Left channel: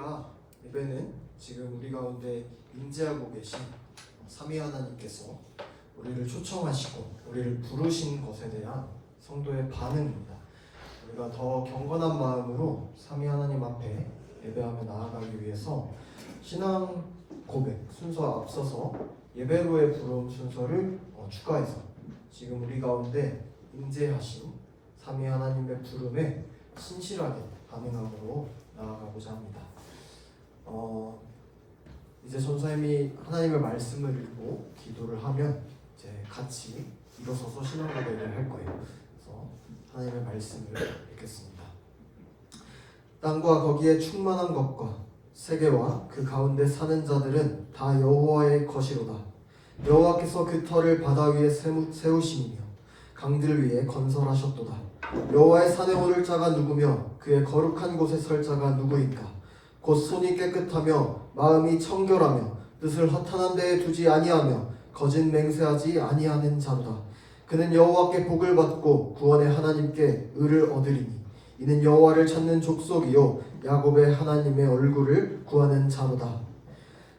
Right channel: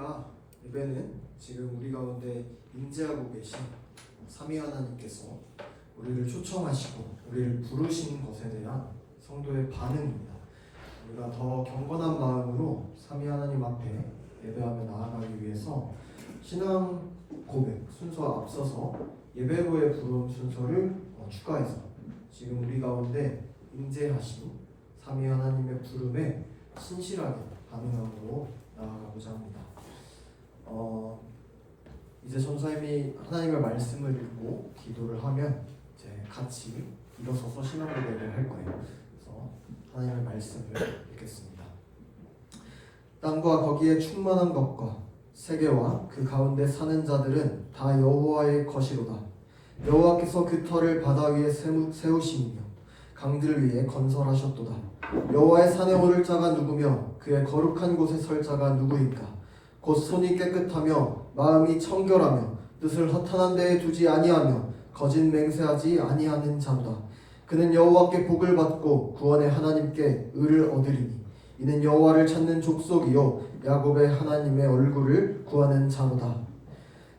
저희가 예배는 지금 우리 가운데 임재하고 계신 삼위 하나님께서 우리를 초청하시고 우리를 부르신 것에 대한 성도의 반응입니다. 우리가 더 경건한 마음으로 삼위 하나님 앞에 예배하며 나아가기 위해서 신앙 고백 순서 앞서서 예배로의 부름 순서를 추가해서 지금 우리 가운데 임재하신 삼위 하나님의 부름에 신실하게 반응함으로 나아가고자 합니다. 이제 전사님이 하나님의 말씀을 읽고 기도를 하면 이제 같이 일어서서 신앙 고백을 할 거예요. 그래서 하나님의 말씀을 읽겠습니다. 땅과 거기에 충만한 것과 세계와 그 가운데 사는 자들은 다 여호와의 것이로다. 여호와께서 그 터를 바다 위에 세우시며 강들 위에 건설하셨도다. 여호와의 산에 오를 자가 누구며 그의 거룩한 곳에 설 자가 누구인가? 곧 손이 깨끗하며 마음이 청결하며 뜻을 허탄한 데에 두지 아니하며 거짓 맹세하지 아니하는 자로다. 그는 여호와께 복을 받고 구원의 하나님께 의를 얻으리니 이는 여호와를 찾는 족속이요 야곱의 하나님의 얼굴을 구하는 자로다.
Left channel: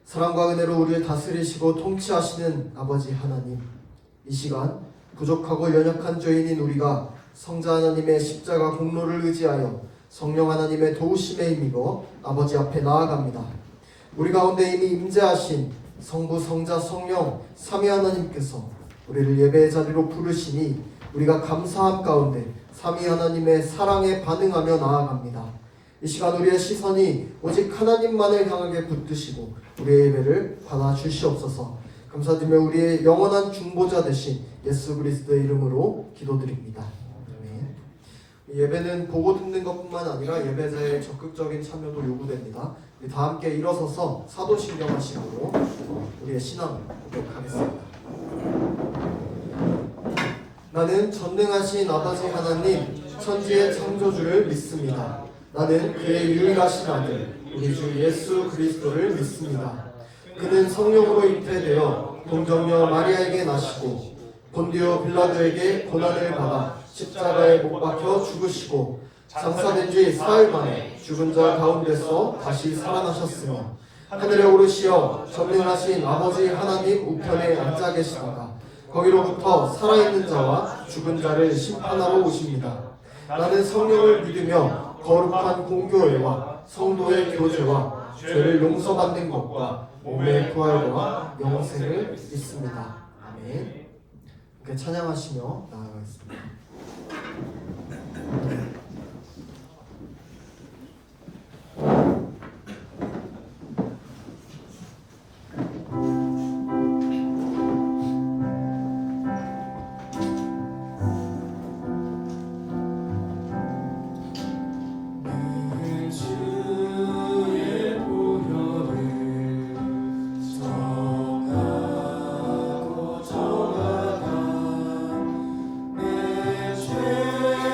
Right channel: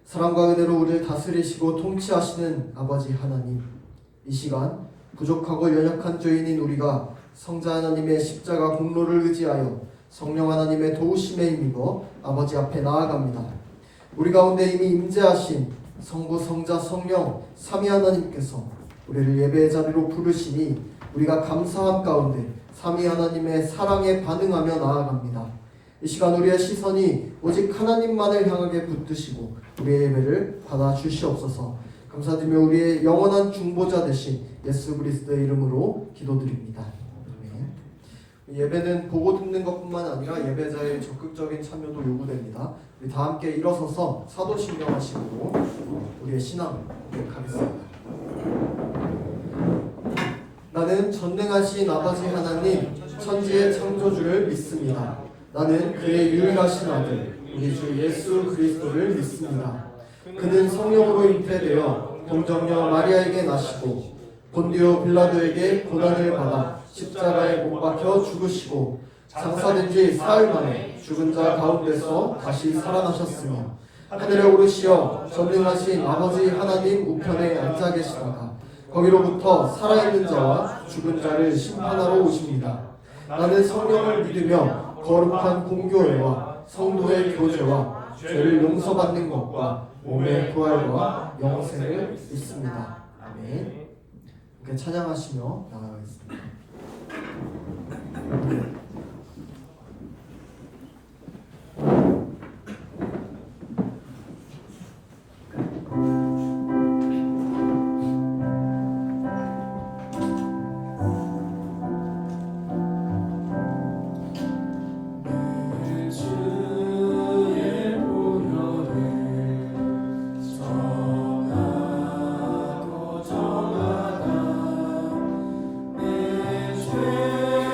사랑과 은혜로 우리를 다스리시고 통치하시는 아버지 하나님, 이 시간 부족하고 연약한 죄인인 우리가 성자 하나님의 십자가 공로를 의지하여 성령 하나님의 도우심에 힘입어 아버지 앞에 나아갑니다. 우리 가운데 이미 임재하신 성부, 성자, 성령 삼위 하나님께서 우리를 예배의 자리로 부르시니 우리가 감사함 가운데 삼위 하나님의 사랑에 반응하며 나아갑니다. 이 시간 우리의 시선이 오직 하나님만을 향하게 붙드시고 우리의 예배를 받아주시옵소서. 감사드리며 우리의 영원한 중보자 되신 예수 그리스도의 이름으로 기도드립니다. 예배는 보고 듣는 것뿐만 아니라 예배자의 적극적인 참여도 요구됩니다. 우리 다 함께 일어서서 사도신경 하시고 우리의 신앙을 고백하겠습니다. 나는 전능하신 아버지 하나님 천지의 창조주를 믿습니다. 나는 그의 유일하신 아들 우리 주 예수 그리스도를 믿습니다. 그는 성령으로 잉태되어 동정녀 마리아에게 나시고 본디오 빌라도에게 고난을 받아 십자가에 못 박혀 죽으시고 장사된 지 사흘 만에 죽은 자 가운데서 다시 살아나셨으며 하늘에 오르시어 전능하신 아버지 하나님 우편에 앉아 계시다가 거기로부터 살아있는 자와 죽은 자를 심판하러 오십니다. 나는 성령을 믿으며 거룩한 공교회와 성도의 교제와 죄를 용서받는 것과 몸의 부활과 영생을 믿습니다. 아멘. 이렇게 찬양하시며 나아가겠습니다. 정하다 내 죄를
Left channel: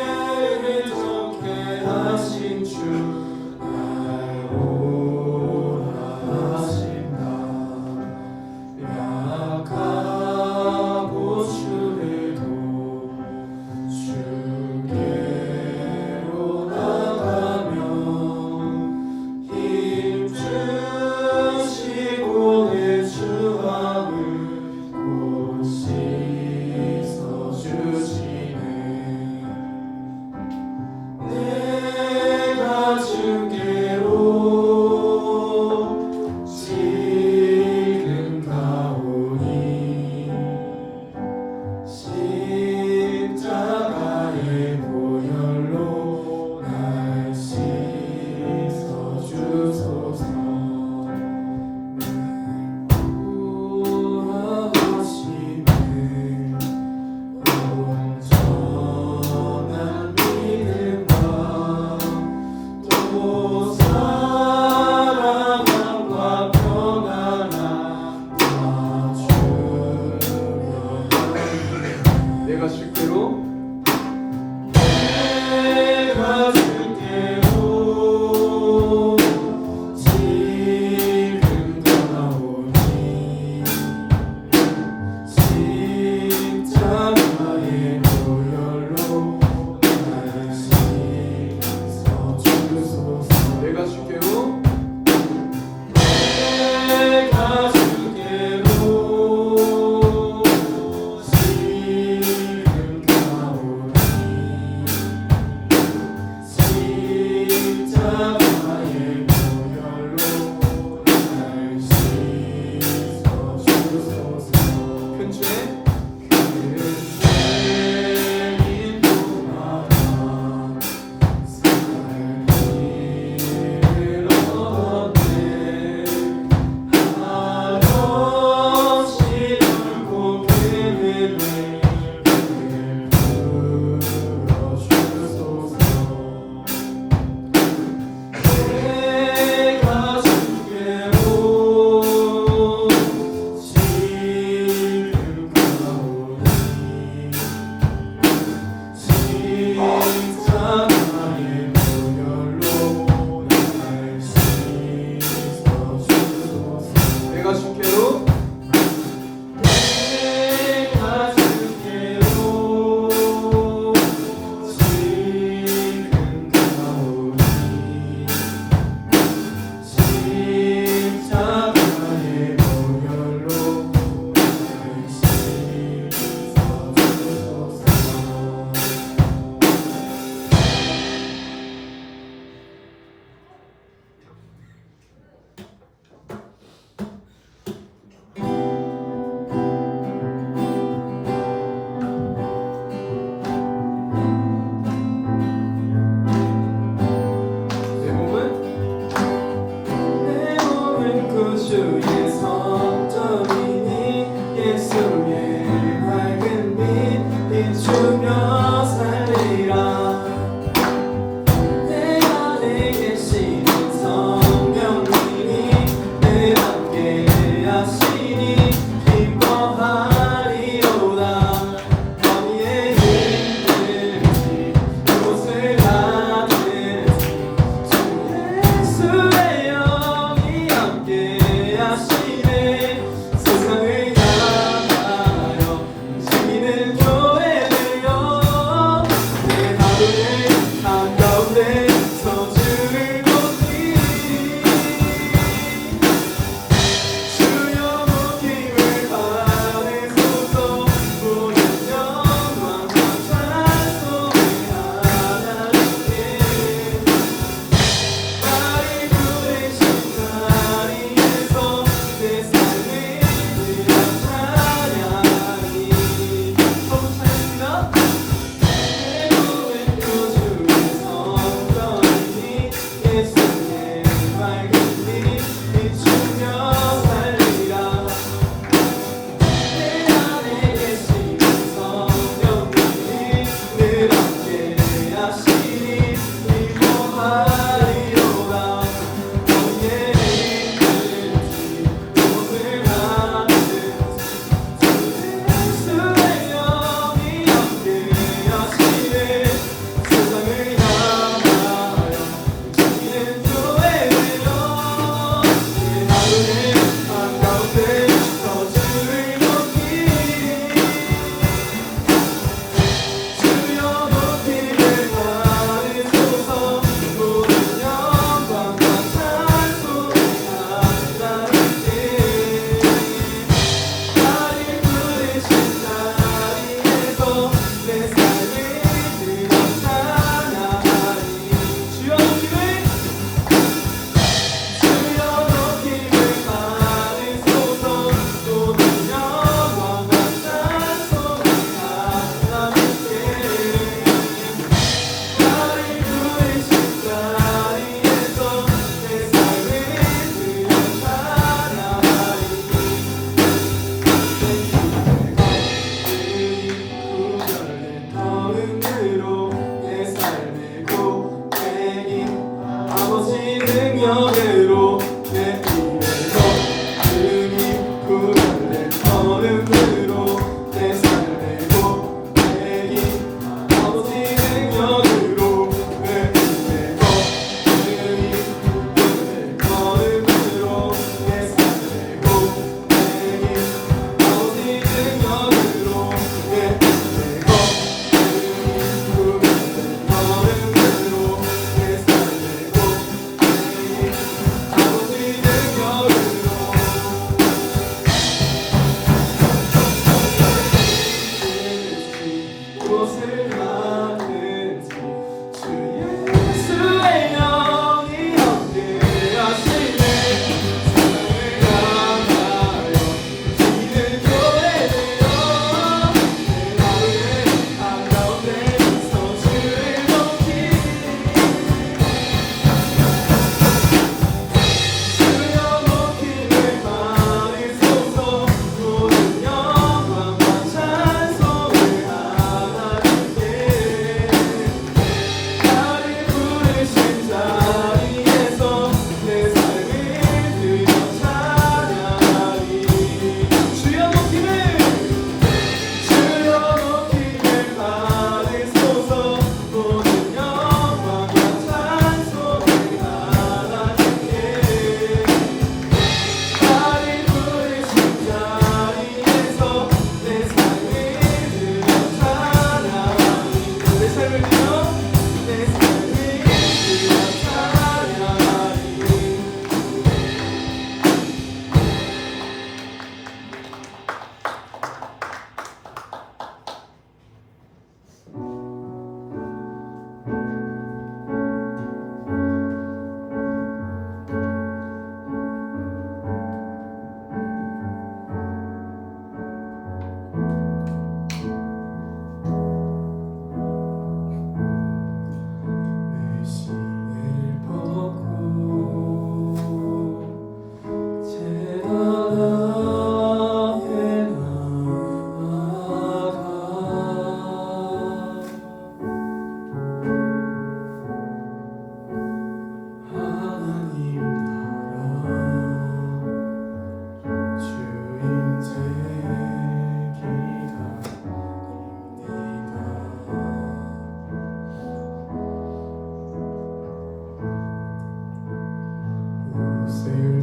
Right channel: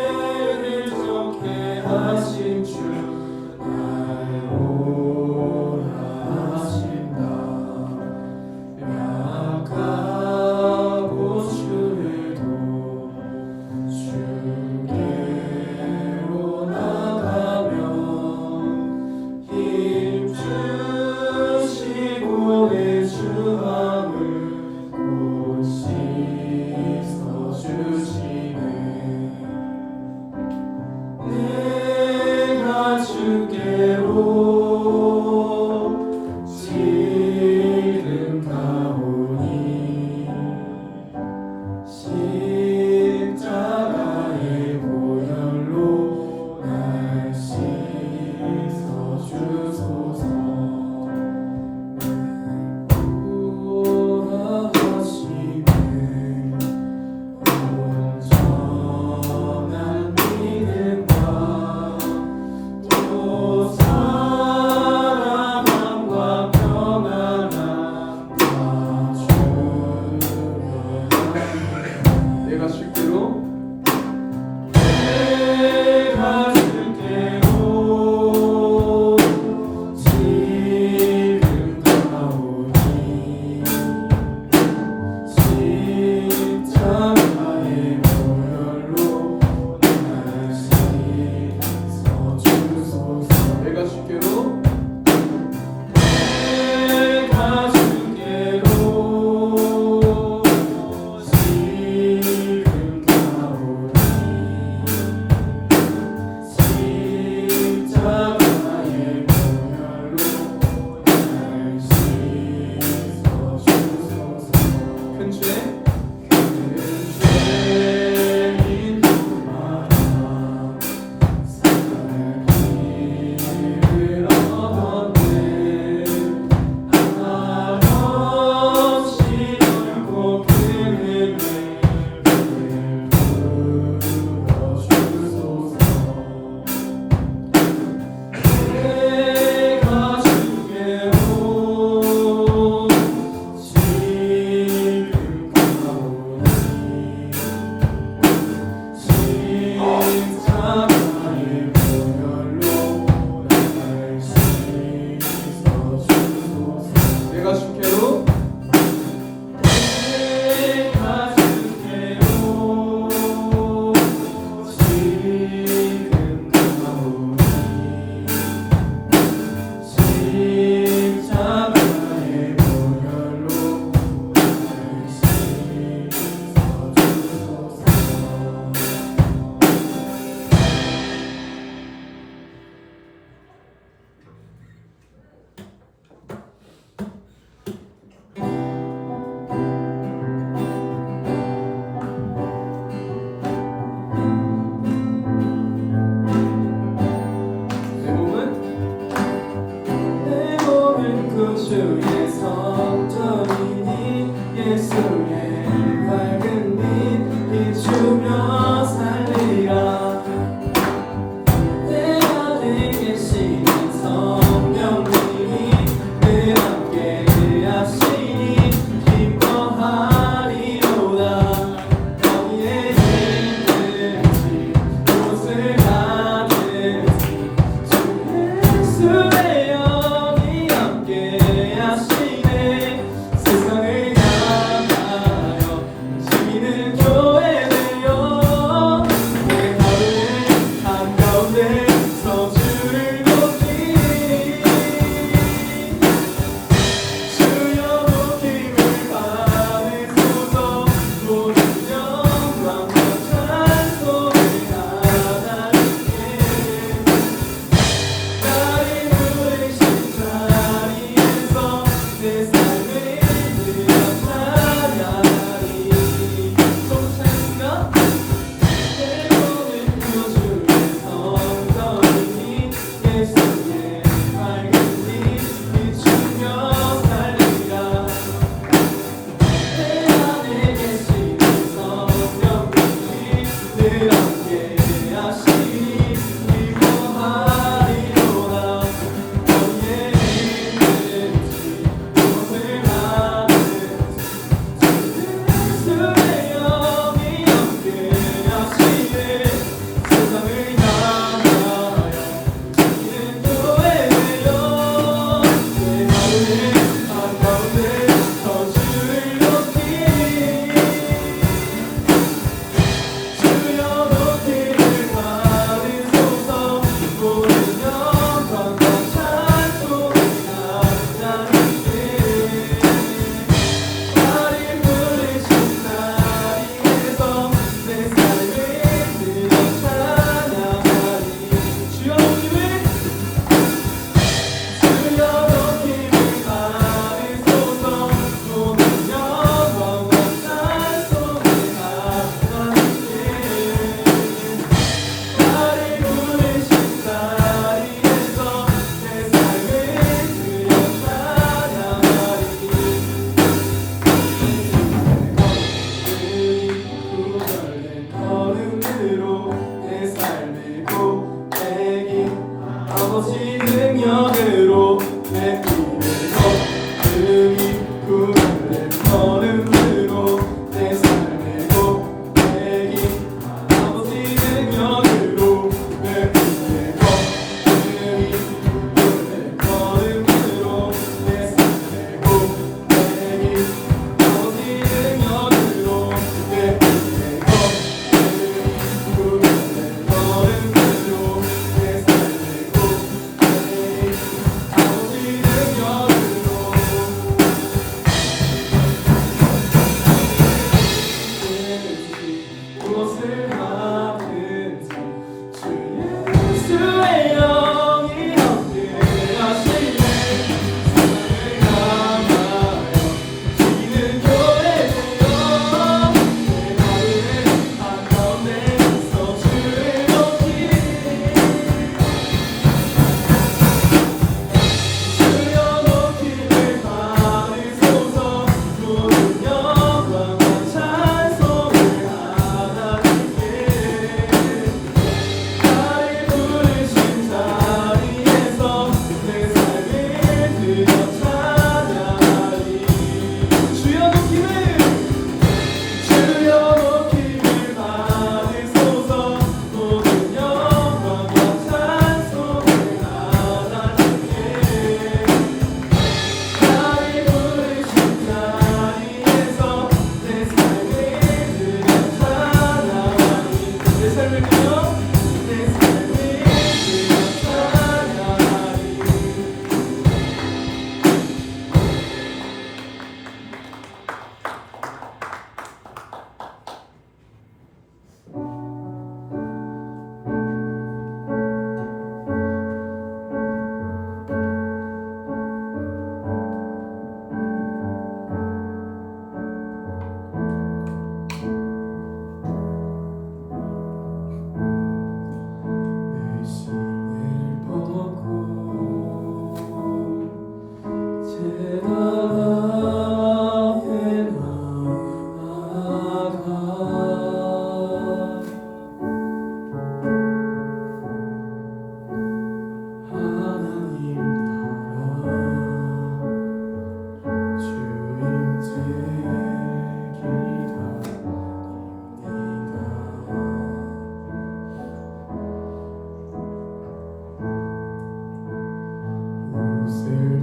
구주의 성전이니 예수의 밝은 빛 비추며 살리라. 내 안에 계시는 성령님이 내 함께 하시니 기뻐하리로다. 어디에 있는지 무엇을 하든지 주 예수의 영이 함께 하시네. 세상을 향하여 시민의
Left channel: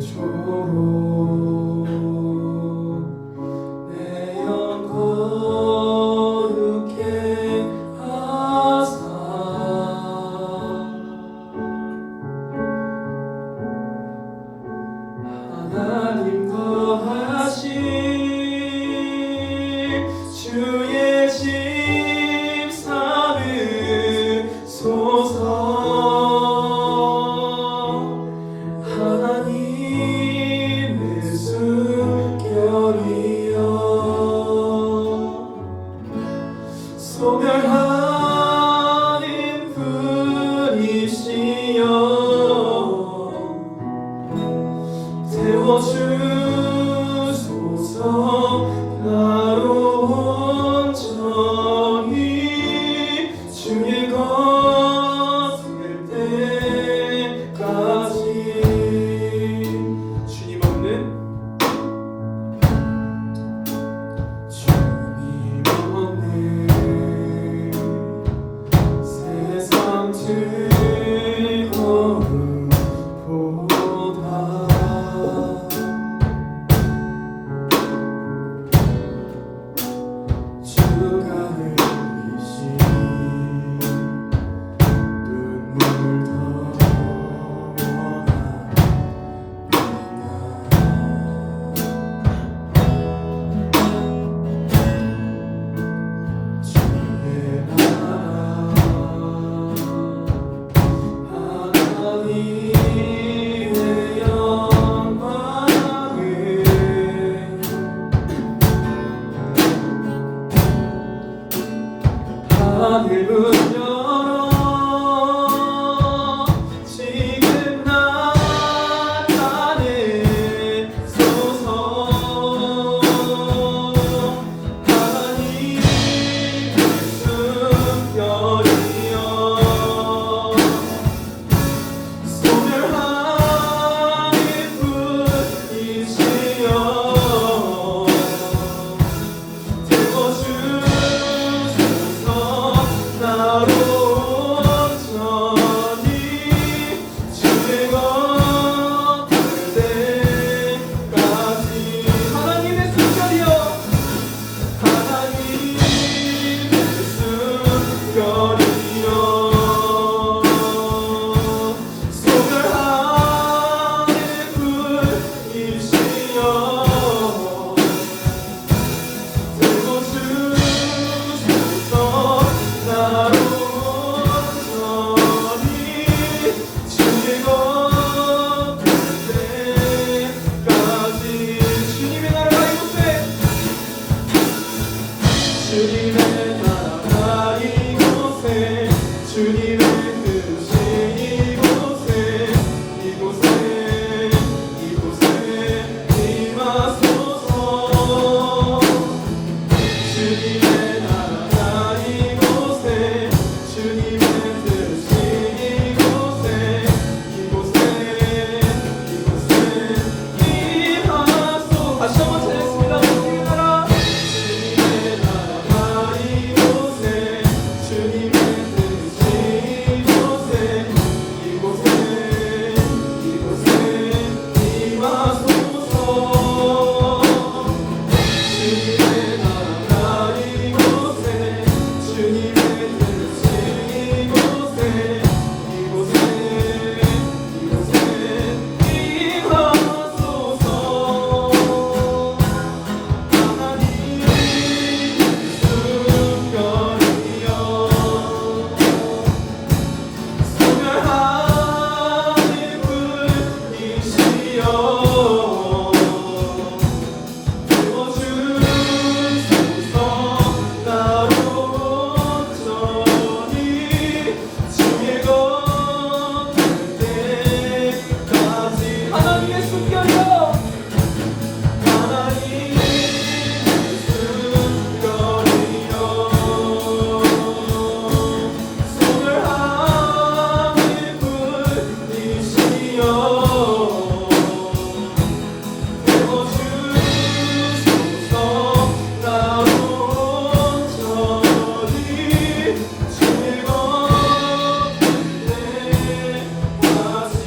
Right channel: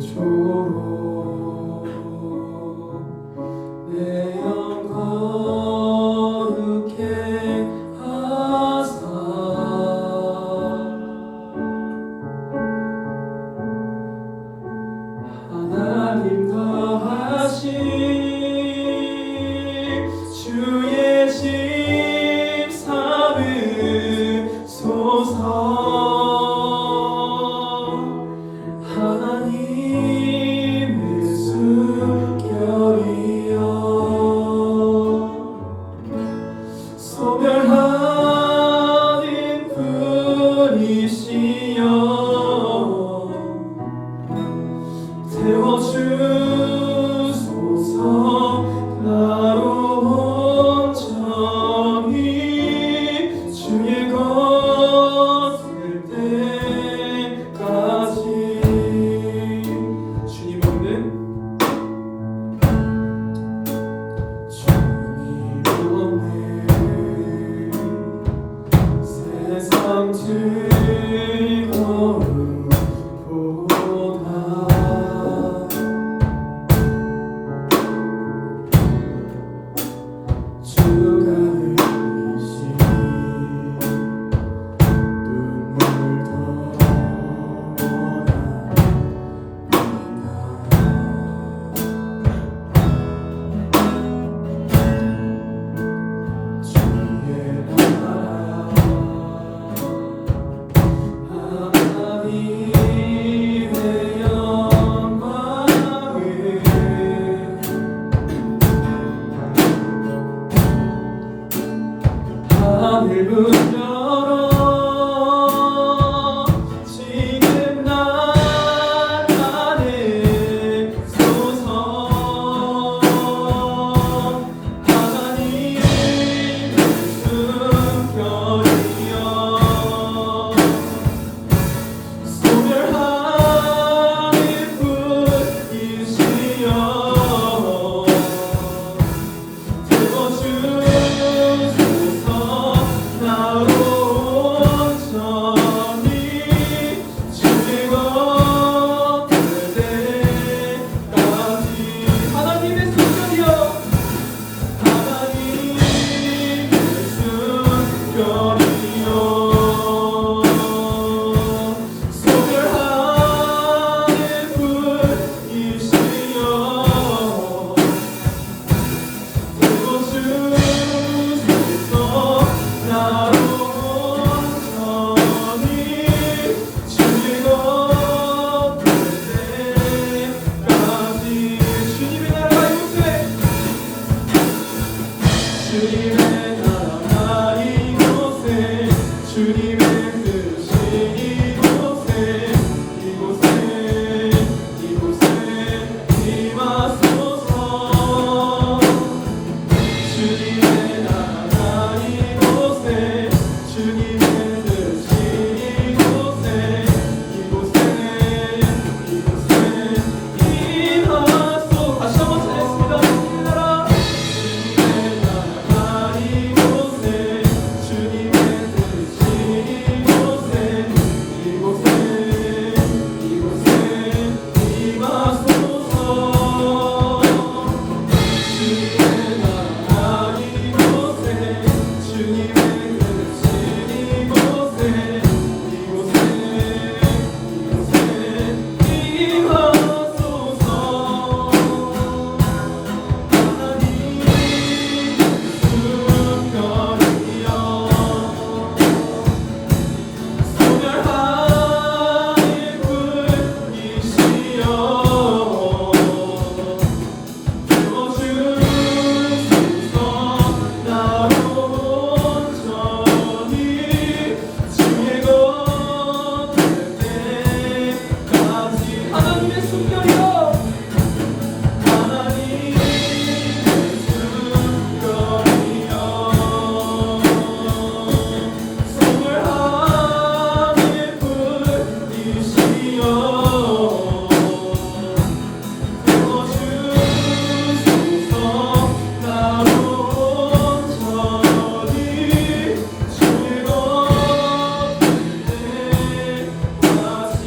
그토록 내 영 거룩해 하사 하나님 더하심 주의 집 삼으소서. 하나님의 숨결이여 소멸하는 분이시여 태워주소서. 나로 온전히 주의 것 될 때까지. 주님 없는 세상 즐거움보다 주가 흘리신 눈물 더 하늘 문 열어 지금 나타내소서. 하나님의 숨결이여 소멸하는 분이시여 태워주소서. 나로 온전히 주의 것 될 때까지. 하나님의 숨결이여 하나님의 숨결이여 소멸하는 분이시여 태워주소서. 나로 온전히 주의 것 될 때까지. 주님의 나라 이곳에 주님의 나라 이곳에 주님의 뜻이 이곳에 임하소서. 주님의 나라 이곳에 주님의 뜻이 이곳에 임하소서. 다시 한번 찬양했습니다. 주님의 나라 이곳에 주님의 뜻이 이곳에 임하소서. 주님의 나라 이곳에 주님의 뜻이 이곳에 임하소서. 하나님의 숨결이여 소멸하는 분이시여 태워주소서. 나로 온전히 주의 것 될 때까지. 하나님의 숨결이여 하나님의 숨결이여 소멸하는 분이시여 태워주소서. 나로 온전히 주의 것 될 때까지.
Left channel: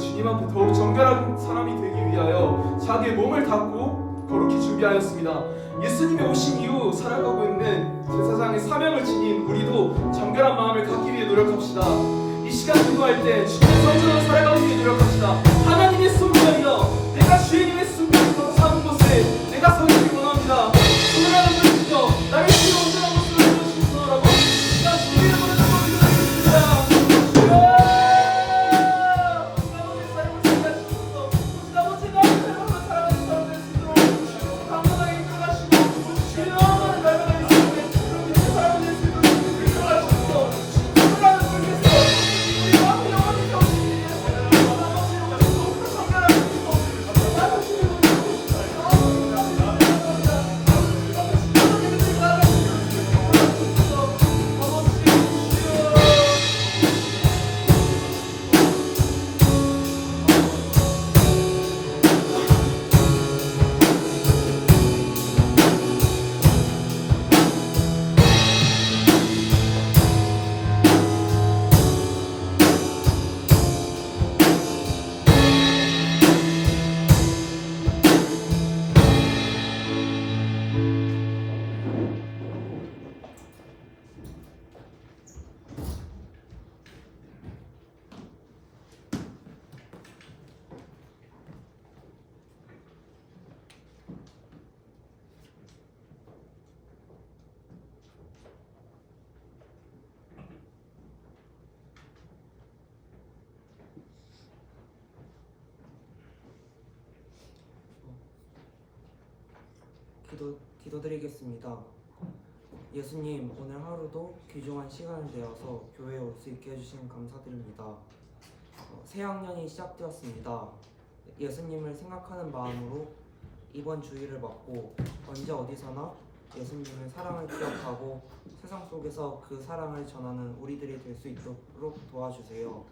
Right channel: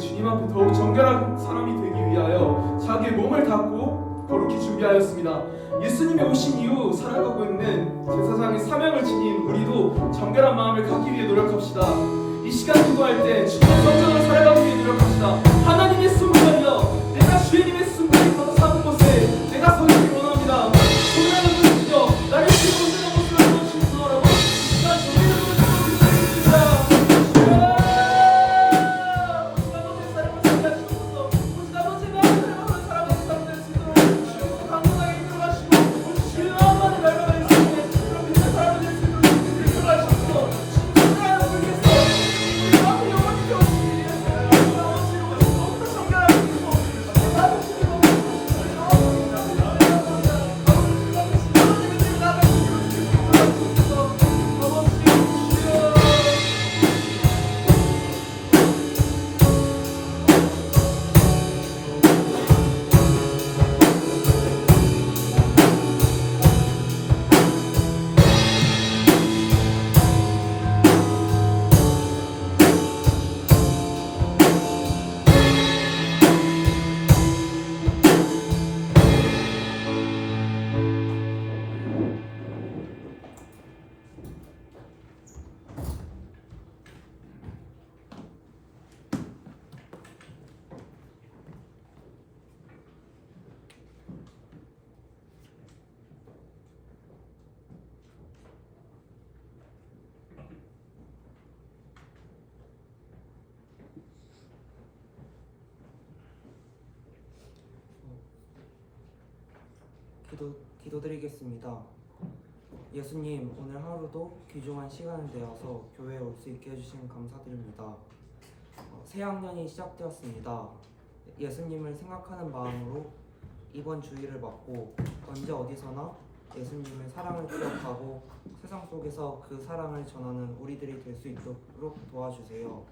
주님 앞에 더욱 정결한 사람이 되기 위하여 자기의 몸을 닫고 거룩히 준비하였습니다. 예수님이 오신 이후 살아가고 있는 제사장의 사명을 지닌 우리도 정결한 마음을 갖기 위해 노력합시다. 이 시간 기도할 때 주님의 성전을 살아가기 위해 노력합시다. 하나님의 손길이여, 내가 주님의 손길을 감사하는 곳에 내가 서기를 원합니다. 주님의 손길이여, 나를 주의 온전한 모습으로 보여주시소서. 난 주님의 이름으로 기도드리겠습니다. 기도드리겠습니다. 예수님, 오늘 하루도 귀중한 시간을 내어서 교회에 올 수 있게 해주신 감사드립니다. 새 학년이 시작되었습니다. 예수님을 생각하는 마음으로 이번 주일을 맞고 언제 어디서나 예수님의 사랑을 기억하고 세상 속에서 그 사랑을 전하는 우리들이 될 수 있도록 도와주세요.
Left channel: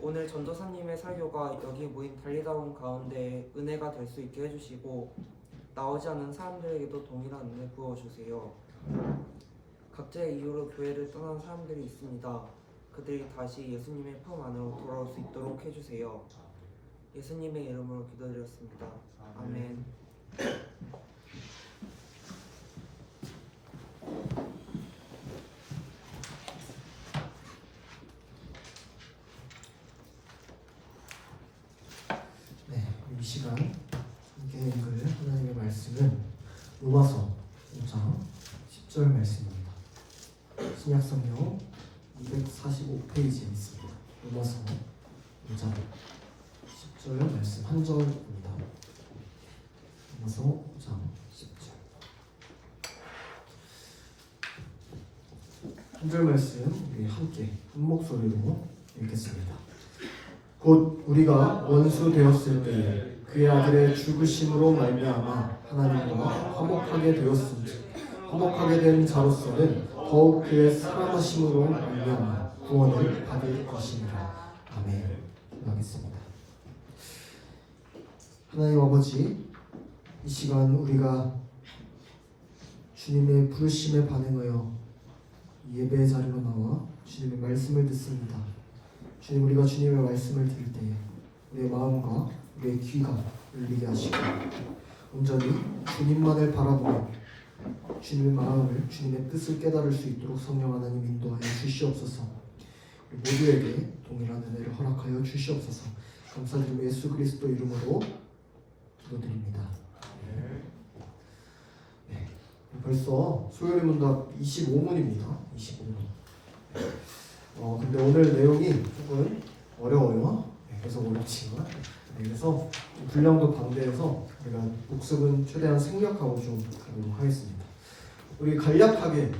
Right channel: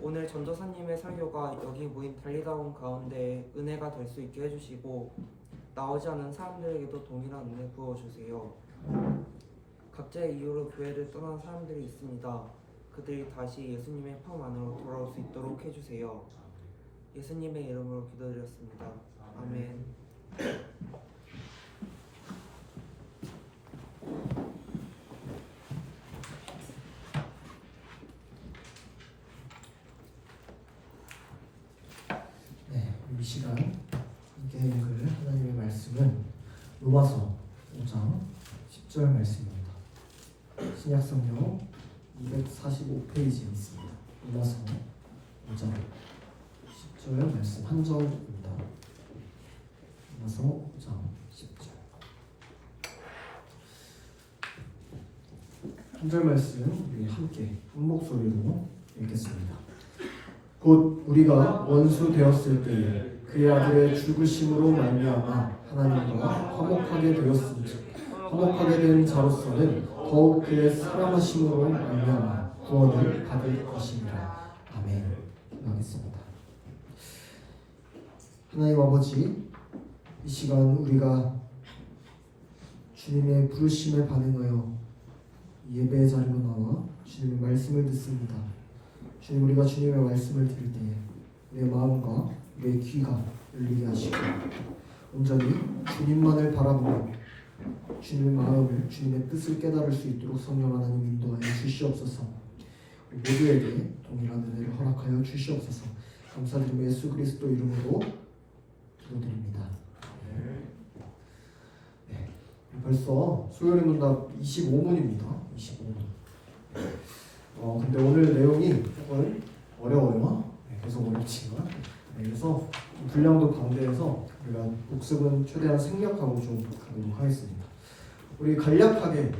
오늘 전도사님의 설교가 여기 모인 달리다운 가운데 은혜가 될 수 있게 해주시고 나오지 않은 사람들에게도 동일한 은혜 부어주세요. 각자의 이유로 교회를 떠난 사람들이 있습니다. 그들이 다시 예수님의 품 안으로 돌아올 수 있도록 해주세요. 예수님의 이름으로 기도드렸습니다. 아멘. 네, 이 시간 함께 읽을 하나님의 말씀은 로마서 5장 10절 말씀입니다. 신약성경 245페이지에 있습니다. 로마서 5장 10절 말씀 한 절입니다. 로마서 5장 10절 한 절 말씀 우리 함께 한 목소리로 읽겠습니다. 곧 우리가 원수 되었을 때에 그의 아들의 죽으심으로 말미암아 하나님과 화목하게 되었음즉 화목하게 된 자로서는 더욱 그의 사랑하심으로 말미암아 구원을 받을 것입니다. 아멘. 기도하겠습니다. 하나님 아버지, 이 시간 우리가 주님의 부르심에 반응하여 예배의 자리로 나와 주님의 말씀을 듣습니다. 주님, 우리가 주님의 말씀을 들을 때에 우리의 마음과 우리의 귀가 열리게 하시고 온전히 주님만을 바라보며 주님의 마음을, 주님의 뜻을 깨달을 수 있도록 성령 하나님 인도하여 주시옵소서. 모두에게 동일한 은혜를 허락하여 주시옵소서. 감사드리며 예수 그리스도 이름으로 기도드립니다. 네, 벌써 수요일 문답 25문입니다. 25문. 근데 오늘 내용이 조금 어려워요. 계속 어렵지만 그래서 분량도 방대해서 우리가 복습은 최대한 생략하고 좀 가도록 하겠습니다. 우리 간략하게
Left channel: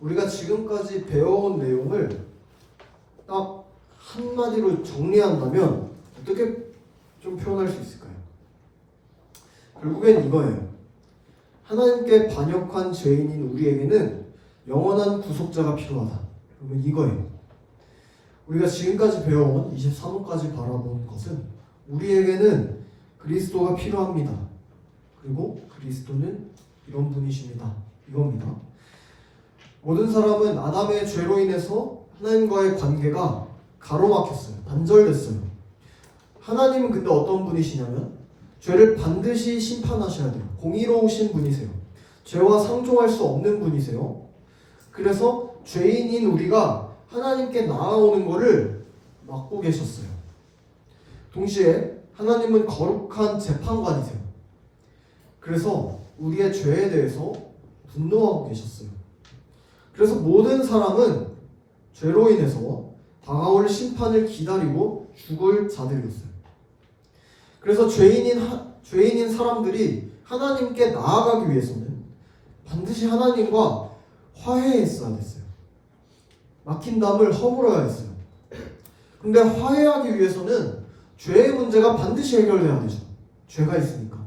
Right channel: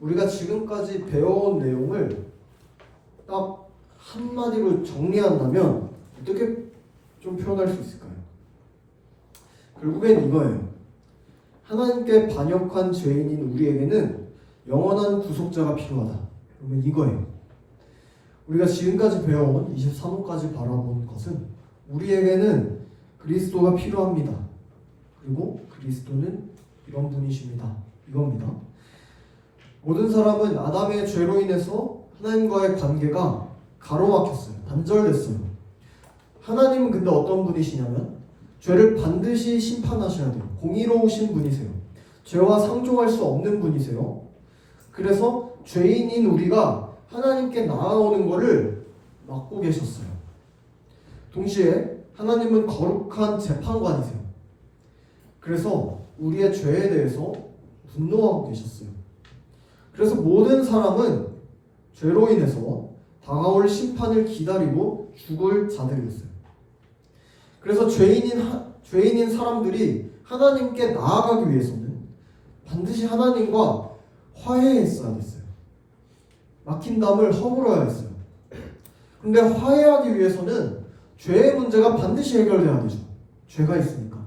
우리가 지금까지 배워온 내용을 딱 한마디로 정리한다면 어떻게 좀 표현할 수 있을까요? 결국엔 이거예요. 하나님께 반역한 죄인인 우리에게는 영원한 구속자가 필요하다. 그러면 이거예요. 우리가 지금까지 배워온 23호까지 바라본 것은 우리에게는 그리스도가 필요합니다. 그리고 그리스도는 이런 분이십니다. 이겁니다. 모든 사람은 아담의 죄로 인해서 하나님과의 관계가 가로막혔어요. 단절됐어요. 하나님은 근데 어떤 분이시냐면 죄를 반드시 심판하셔야 돼요. 공의로우신 분이세요. 죄와 상종할 수 없는 분이세요. 그래서 죄인인 우리가 하나님께 나아오는 것을 막고 계셨어요. 동시에 하나님은 거룩한 재판관이세요. 그래서 우리의 죄에 대해서 분노하고 계셨어요. 그래서 모든 사람은 죄로 인해서 다가올 심판을 기다리고 죽을 자들이었어요. 그래서 죄인인 사람들이 하나님께 나아가기 위해서는 반드시 하나님과 화해했어야 됐어요. 막힌 담을 허물어야 했어요. 근데 화해하기 위해서는 죄의 문제가 반드시 해결돼야 되죠. 죄가 있으니까.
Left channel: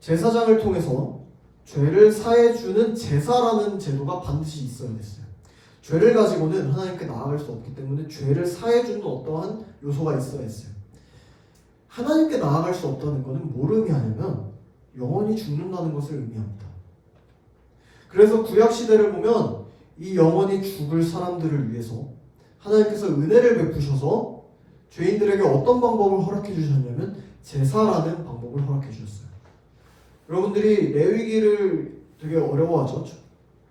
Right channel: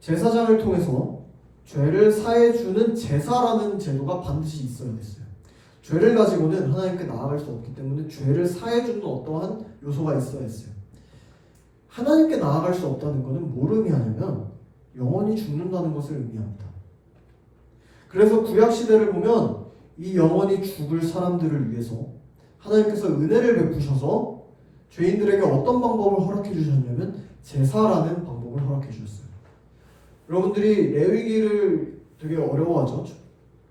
제사장을 통해서 죄를 사해주는 제사라는 제도가 반드시 있어야 됐어요. 죄를 가지고는 하나님께 나아갈 수 없기 때문에 죄를 사해주는 어떠한 요소가 있어야 했어요. 하나님께 나아갈 수 없다는 것은 뭘 의미하냐면 영원히 죽는다는 것을 의미합니다. 그래서 구약시대를 보면 이 영원히 죽을 사람들을 위해서 하나님께서 은혜를 베푸셔서 죄인들에게 어떤 방법을 허락해 주셨냐면 제사라는 방법을 허락해 주셨어요. 여러분들이 레위기를 되게 어려워하죠.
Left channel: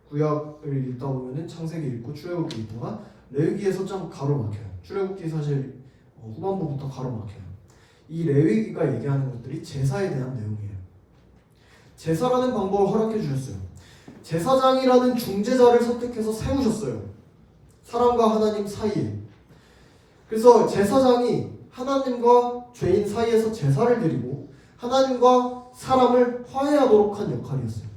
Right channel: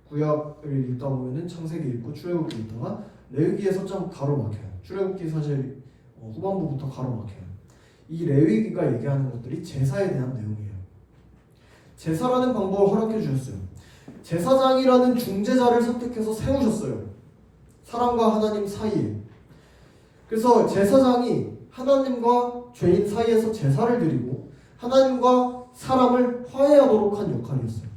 구약을 읽다 보면은 창세기 읽고 출애굽기 읽다가 레위기에서 좀 가로막혀요. 출애굽기 사실 후반부부터 가로막혀요. 이 레위기가 얘기하는 것들이 제사에 대한 내용이에요. 제사라는 방법을 허락해 주셨어요. 제사장이라는 중재자를 선택해서 세우셨어요. 사람과 하나님 사이에. 그래서 제사장이 하나님과 죄인 사이에서 제사를 드리고 하나님과 사람을 화해하도록 한 역할이었어요.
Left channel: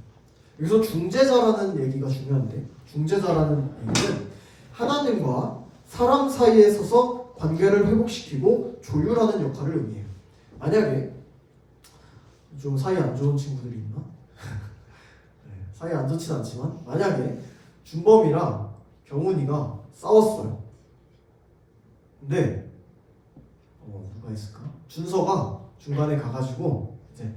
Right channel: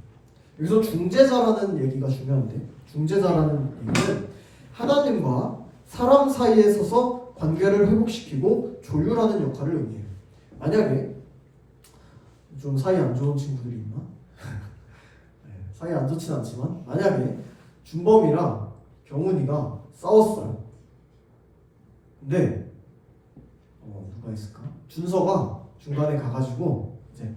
여기서 중재자라는 얘기가 중요한데, 중재자라는 얘기는 하나님과 사람 사이에 서서 관계를 회복시키고 조율하는 역할을 의미해요. 만약에 좀 사이 안 좋은 친구들이 있나? 사이 안 좋진 않지만 만약에 준범이랑 경훈이가 싸웠어요. 근데 누가 있을까? 준서가 중간에 가가지고 이제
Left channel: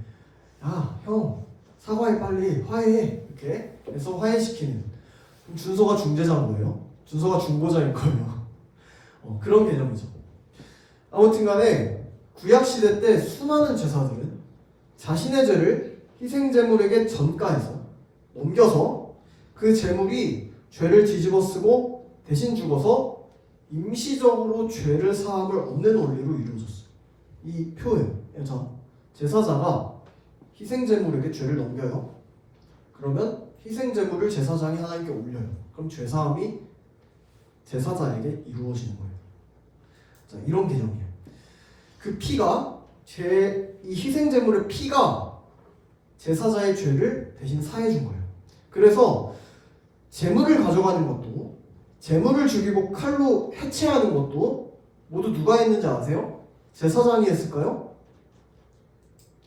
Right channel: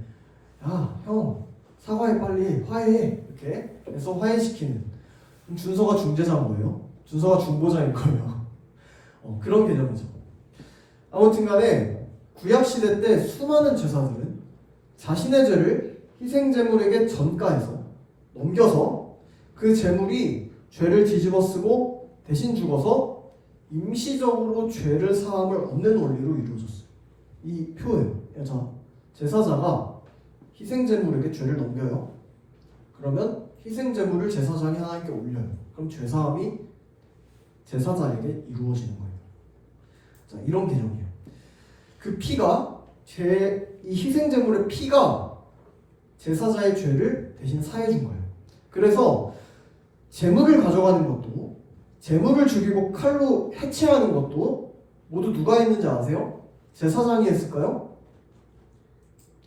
야, 형 사과해 빨리 화해해 이렇게 해서 화해시키는. 그럼 준서가 중재자인 거예요. 준서가 중보자인 거예요. 그런 개념이죠. 아무튼간에 구약시대 때 수많은 제사들은 자신의 죄를 희생제물에게 전가해서 넘겨서 그 제물이 죄를 뒤집어쓰고 대신 죽어서 임시적으로 죄를 사함을 얻는 원리로 이루어졌어요. 이 표현에서 제사자가 희생제물에게 죄를 넘겨요. 그러면 희생제물을 제사장이 하나님께 올려요. 그럼 죄사함이 제사장에게 이루어지는 거예요. 자, 이런 개념이에요. 그 피가 이 희생제물의 피가 제사자의 죄를 대신 사해준 거예요. 그래서 제물을 가져가는 것도, 제물을 죽이고 칼로 해체하는 것도 모두 누가 했는지 아세요? 제사장이 했을까요?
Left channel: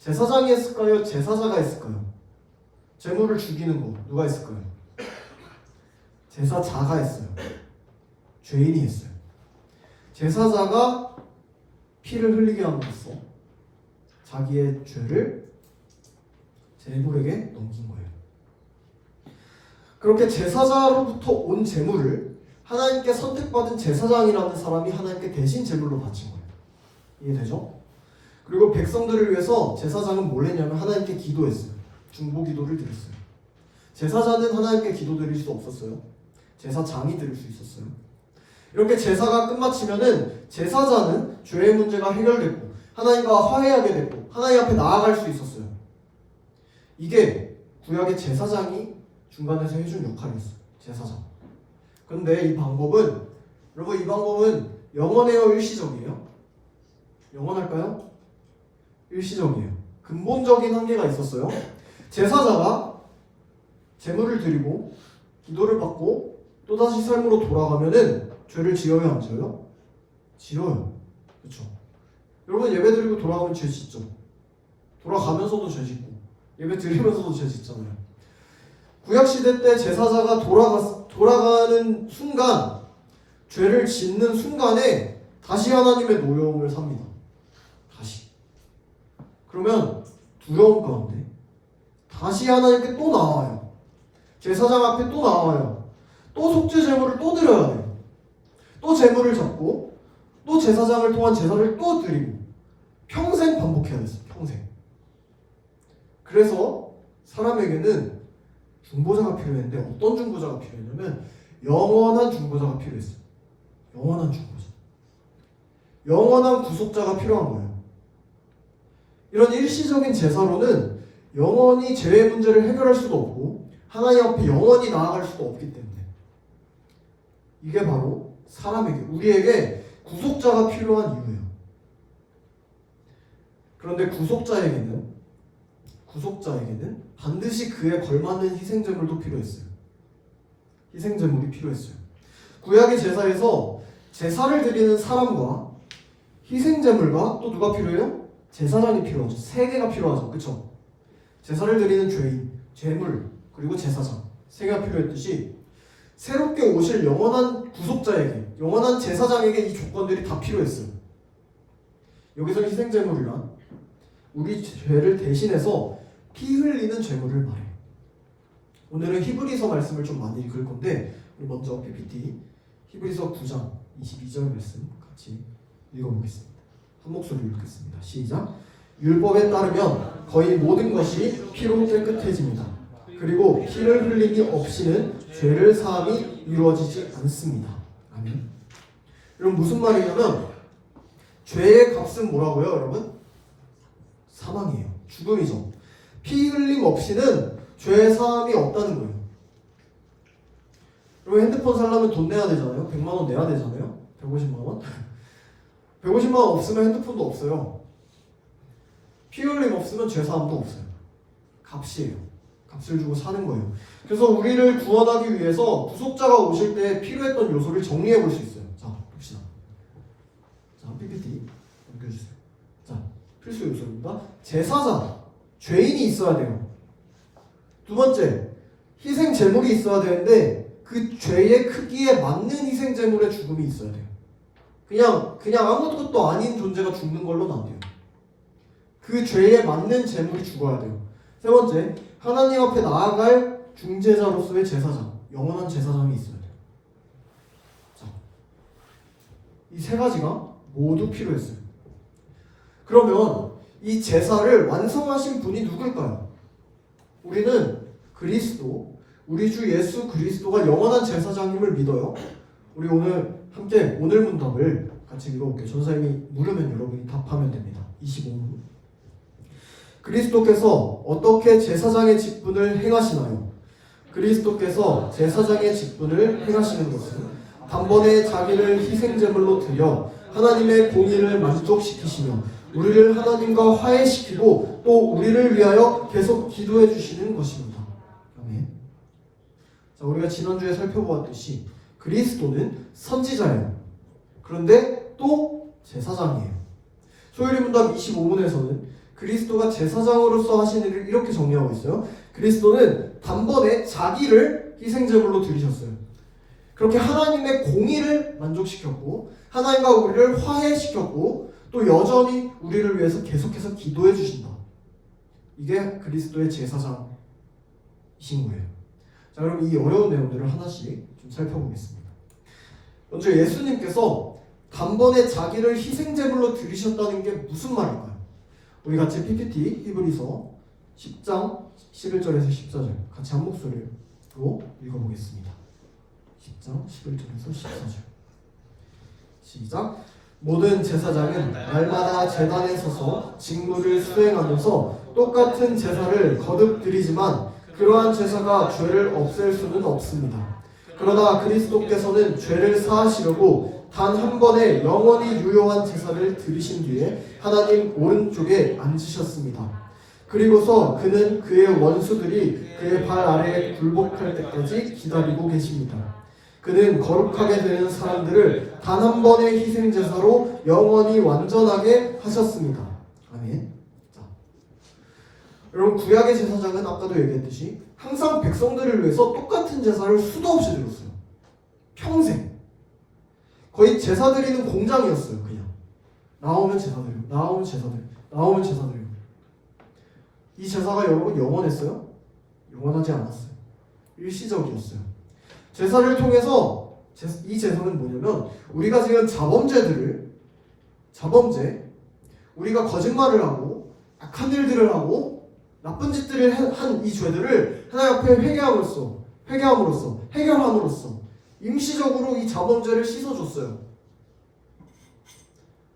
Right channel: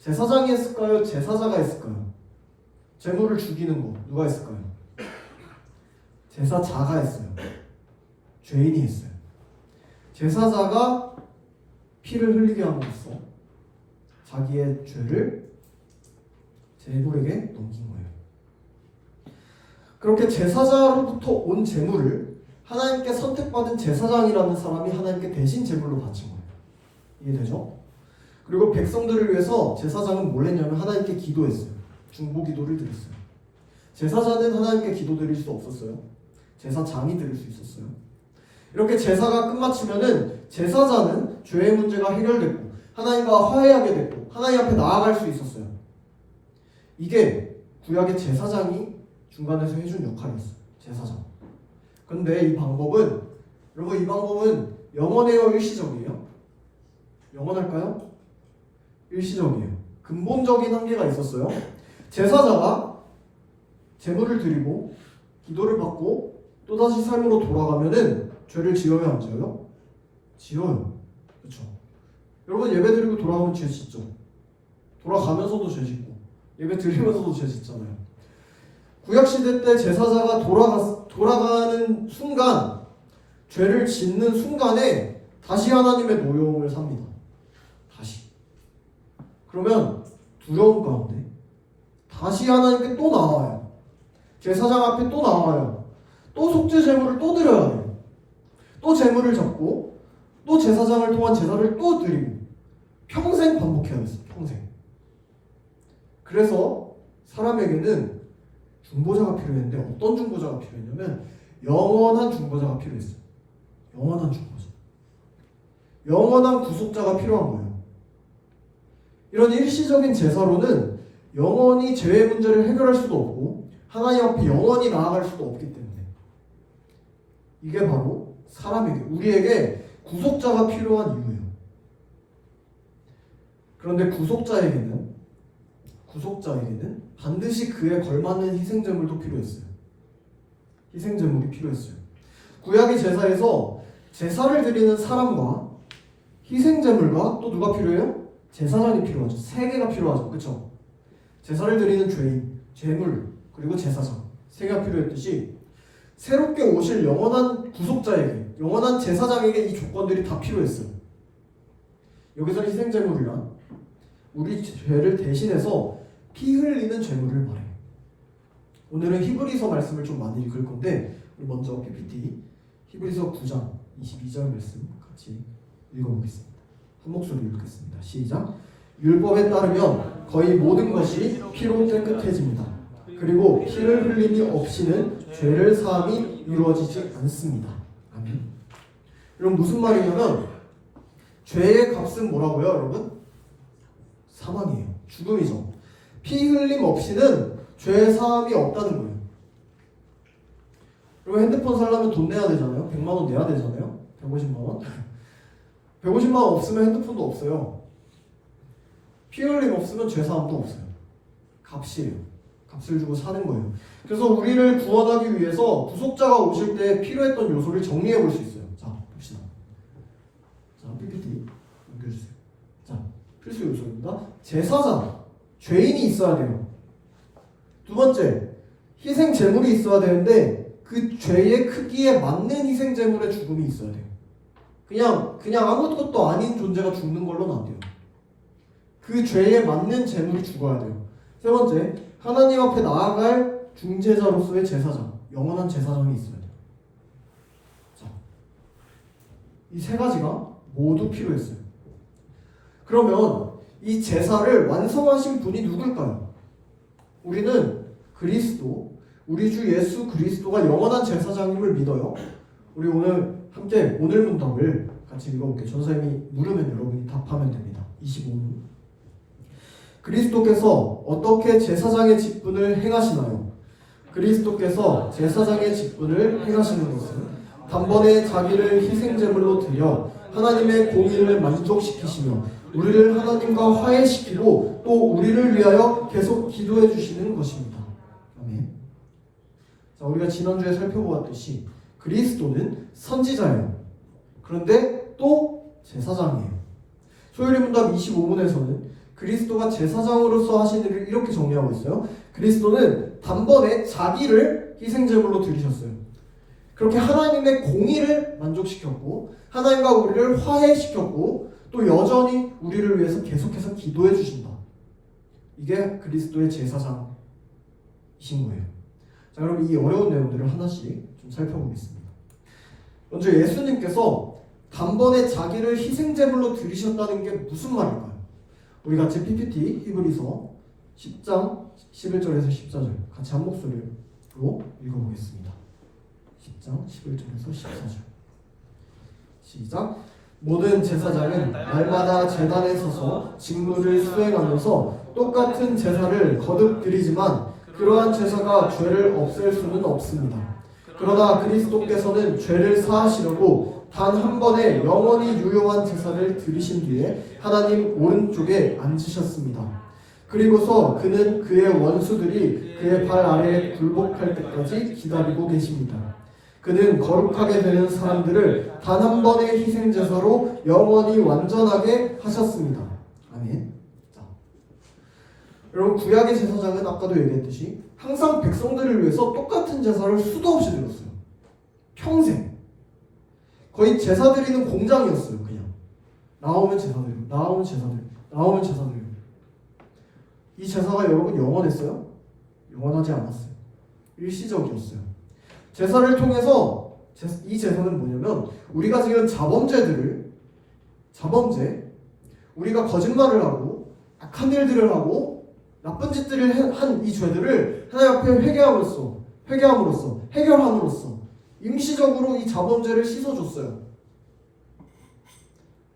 제사장이 했을까요? 제사자가 했을까요? 제물을 죽이는 거 누가 했을까요? 제사자가 했어요. 죄인이 했어요. 제사자가 피를 흘리게 함으로써 자기의 죄를 제물에게 넘긴 거예요. 그렇게 제사자로부터 온 제물을 하나님께 선택받은 제사장이라는 사람이 하나님께 대신 제물로 바친 거예요. 이해되죠? 그리고 백성들을 위해서 제사장은 뭘 했냐면 하나님께 기도했어요. 중보 기도를 드렸어요. 제사자는 하나님께 기도 드릴 수 없었어요. 제사장이 드릴 수 있었어요. 이렇게 제사가 끝마치면은 제사자는 죄의 문제가 해결됐고 하나님과 화해하게 됐고 하나님 앞에 나아갈 수 있었어요. 이게 구약의 제사장이 중간에서 해준 역할이었어요. 제사장. 근데 이 방법은, 여러분, 이 방법은 영원해요, 일시적이에요? 영원할까요? 일시적이에요. 근본적인 한계가 있었어요. 제사자가 제물을 드리고 기도를 받고 또다시 삶으로 돌아가면은 죄를 지어요, 안 지어요? 지어요. 그렇죠? 여러분, 예배 드리고 돌아가면 죄 짓죠. 돌아가면서도 죄 짓고 예배 드리면서도 죄 짓잖아요. 구약시대 때 제사자가 돌아가는 순간, 죄를 짓는 순간에 다시 하나님의 노여움을 삽니다. 다시. 그러면 두려움 가운데 다시 하나님께 또 나와요. 제사장 앞에 또 나와요. 또 속죄 제물을 또 드려야 돼요. 또 제물을 잡고 또 제사장을 통한 제사를 또 드리고 평생 반복해야 했어요. 평생. 그래서 사람에게는 중보자가 필요했는데 어떤 중보자가 필요했냐면 영원한 중보자가 필요했어요. 영원한 중보자. 영원한 구속자가 필요한 거예요. 이런 일시적인 제사로는 영원히 죄의 문제를 해결할 수도 없고 하나님 앞에 영원히 나아갈 수도 없기 때문에 이게 바로 사람에게, 우리에게 구속자가 필요한 이유예요. 그런데 구속자에게는 반드시 그에 걸맞는 희생제물도 필요했어요. 희생제물이 필요했어요. 구약의 제사에서 제사를 드리는 사람과 희생제물과 또 누가 필요해요? 제사장이 필요하죠. 세 개가 필요하죠. 그렇죠? 제사를 드리는 죄인, 제물, 그리고 제사장 세 개가 필요했듯이 새롭게 오실 영원한 구속자에게, 영원한 제사장에게 이 조건들이 다 필요했어요. 여기서 희생제물이란 우리 죄를 대신해서 피 흘리는 제물을 말해요. 오늘은 히브리서 말씀을 좀 많이 읽을 건데 먼저 PPT 히브리서 9장 22절 말씀 같이 읽어보겠습니다. 한 목소리로 읽겠습니다. 시작. 율법에 따르면 거의 모든 것이 피로 깨끗해집니다. 그리고 피를 흘림이 없이는 죄를 사함이 이루어지지 않습니다. 아멘. 여러분 무슨 말이냐면 죄의 값은 뭐라고요, 여러분? 사망이에요. 죽음이죠. 피 흘림 없이는 죄의 사함이 없다는 거예요. 그리고 핸드폰 살려면 돈 내야 되잖아요. 100만 원 내야 되잖아요. 150만 원. 150만 원 없으면 핸드폰도 없어요. 피 흘림 없으면 죄 사함도 없어요. 값이에요. 값을 주고 사는 거예요. 그래서 우리를 구원하기 위해서 구속자가 오실 때 필요했던 요소를 정리해 볼 수 있어요. 자, 봅시다. 자, PPT 넘겨주세요. 자, 필수 요소입니다. 제사장, 죄인이 있어야 돼요. 두 번째, 희생 제물이 있어야 되는데 그 죄의 크기에 맞는 희생 제물의 죽음이 있어야 돼요. 그냥 아무것도 아닌 존재가 죽는 걸로는 안 돼요. 그 죄에 맞는 제물이 죽어야 돼요. 세 번째, 하나님 앞에 나아갈 중재자로서의 제사장, 영원한 제사장이 있어야 돼요. 자, 이 세 가지가 모두 필요했어요. 그러면 이 제사를 완성하신 분이 누굴까요? 우리는 그리스도, 우리 주 예수 그리스도가 영원한 제사장임을 믿어요. 우리 오늘 함께 오늘 문답을 같이 읽어볼게요. 전사님이 물으면 여러분이 답하면 됩니다. 25분. 그리스도께서 어떻게 제사장의 직분을 행하시나요? 그리스도께서 제사장의 직분을 행하시는 것은 단번에 자기를 희생제물로 드려 하나님의 공의를 만족시키시며 우리를 하나님과 화해시키고 또 우리를 위하여 계속 기도해 주시는 것입니다. 아멘. 자, 우리가 지난주에 살펴보았듯이 그리스도는 선지자예요. 그런데 또 제사장이에요. 소요리 문답 25분에서는 그리스도가 제사장으로서 하신 일을 이렇게 정리하고 있어요. 그리스도는 단번에 자기를 희생제물로 드리셨어요. 그렇게 하나님의 공의를 만족시켰고 하나님과 우리를 화해시켰고 또 여전히 우리를 위해서 계속해서 기도해 주신다. 이게 그리스도의 제사장이신 거예요. 자, 그럼 이 어려운 내용들을 하나씩 좀 살펴보겠습니다. 먼저 예수님께서 단번에 자기를 희생제물로 드리셨다는 게 무슨 말일까요? 우리 같이 PPT 히브리서 10장 11절에서 14절 같이 한 목소리로 읽어보겠습니다. 10장 11절에서 14절 시작. 모든 제사장은 날마다 제단에 서서 직무를 수행하면서 똑같은 제사를 거듭 드리지만 그러한 제사가 죄를 없앨 수는 없습니다. 그러나 그리스도께서는 죄를 사하시려고 단 한 번에 영원히 유효한 제사를 드리신 뒤에 하나님 오른쪽에 앉으셨습니다. 그리고서 그는 그의 원수들이 그의 발 아래에 굴복할 때까지 기다리고 계십니다. 그는 거룩하게 되는 사람들을 단 한 번의 희생제사로 영원히 완전하게 하셨습니다. 아멘. 자, 여러분 구약의 제사장은 아까도 얘기했듯이 항상 백성들을 위해서 똑같은 제사를 수도 없이 드렸어요. 평생. 거의 제사 드리는 공장이었어요. 그냥 나오면 제사 드리고 나오면 제사 드리고 나오면 제사 드리고. 이 제사가 여러분 영원했어요? 영원하지 않았어요. 일시적이었어요. 제사를 통해서 이 제사는 뭐냐면 우리가 지은 자범죄들을 자범죄, 우리가 거짓말을 하고 악한 일들을 하고 나쁜 짓들을 한 이 죄들을 하나님 앞에 해결함으로써 임시적으로 이 자범죄를 씻어줬어요.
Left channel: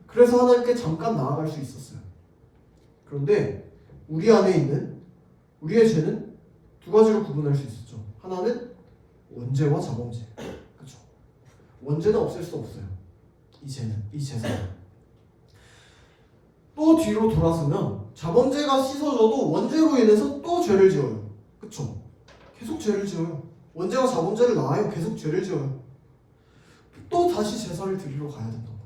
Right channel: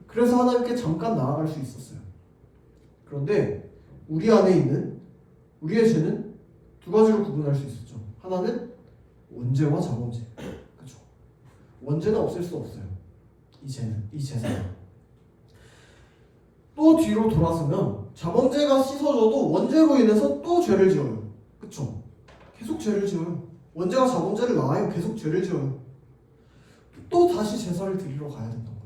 그래서 하나님께 잠깐 나아갈 수 있었어요. 그런데 우리 안에 있는 우리의 죄는 두 가지로 구분할 수 있었죠. 하나는 원죄와 자범죄. 그렇죠. 원죄는 없앨 수 없어요. 이 죄는. 또 뒤로 돌아서면 자범죄가 씻어져도 원죄로 인해서 또 죄를 지어요. 그렇죠. 계속 죄를 지어요. 원죄가 자범죄를 낳아요. 계속 죄를 지어요. 또 다시 제사를 드리러 가야 된단 말이에요.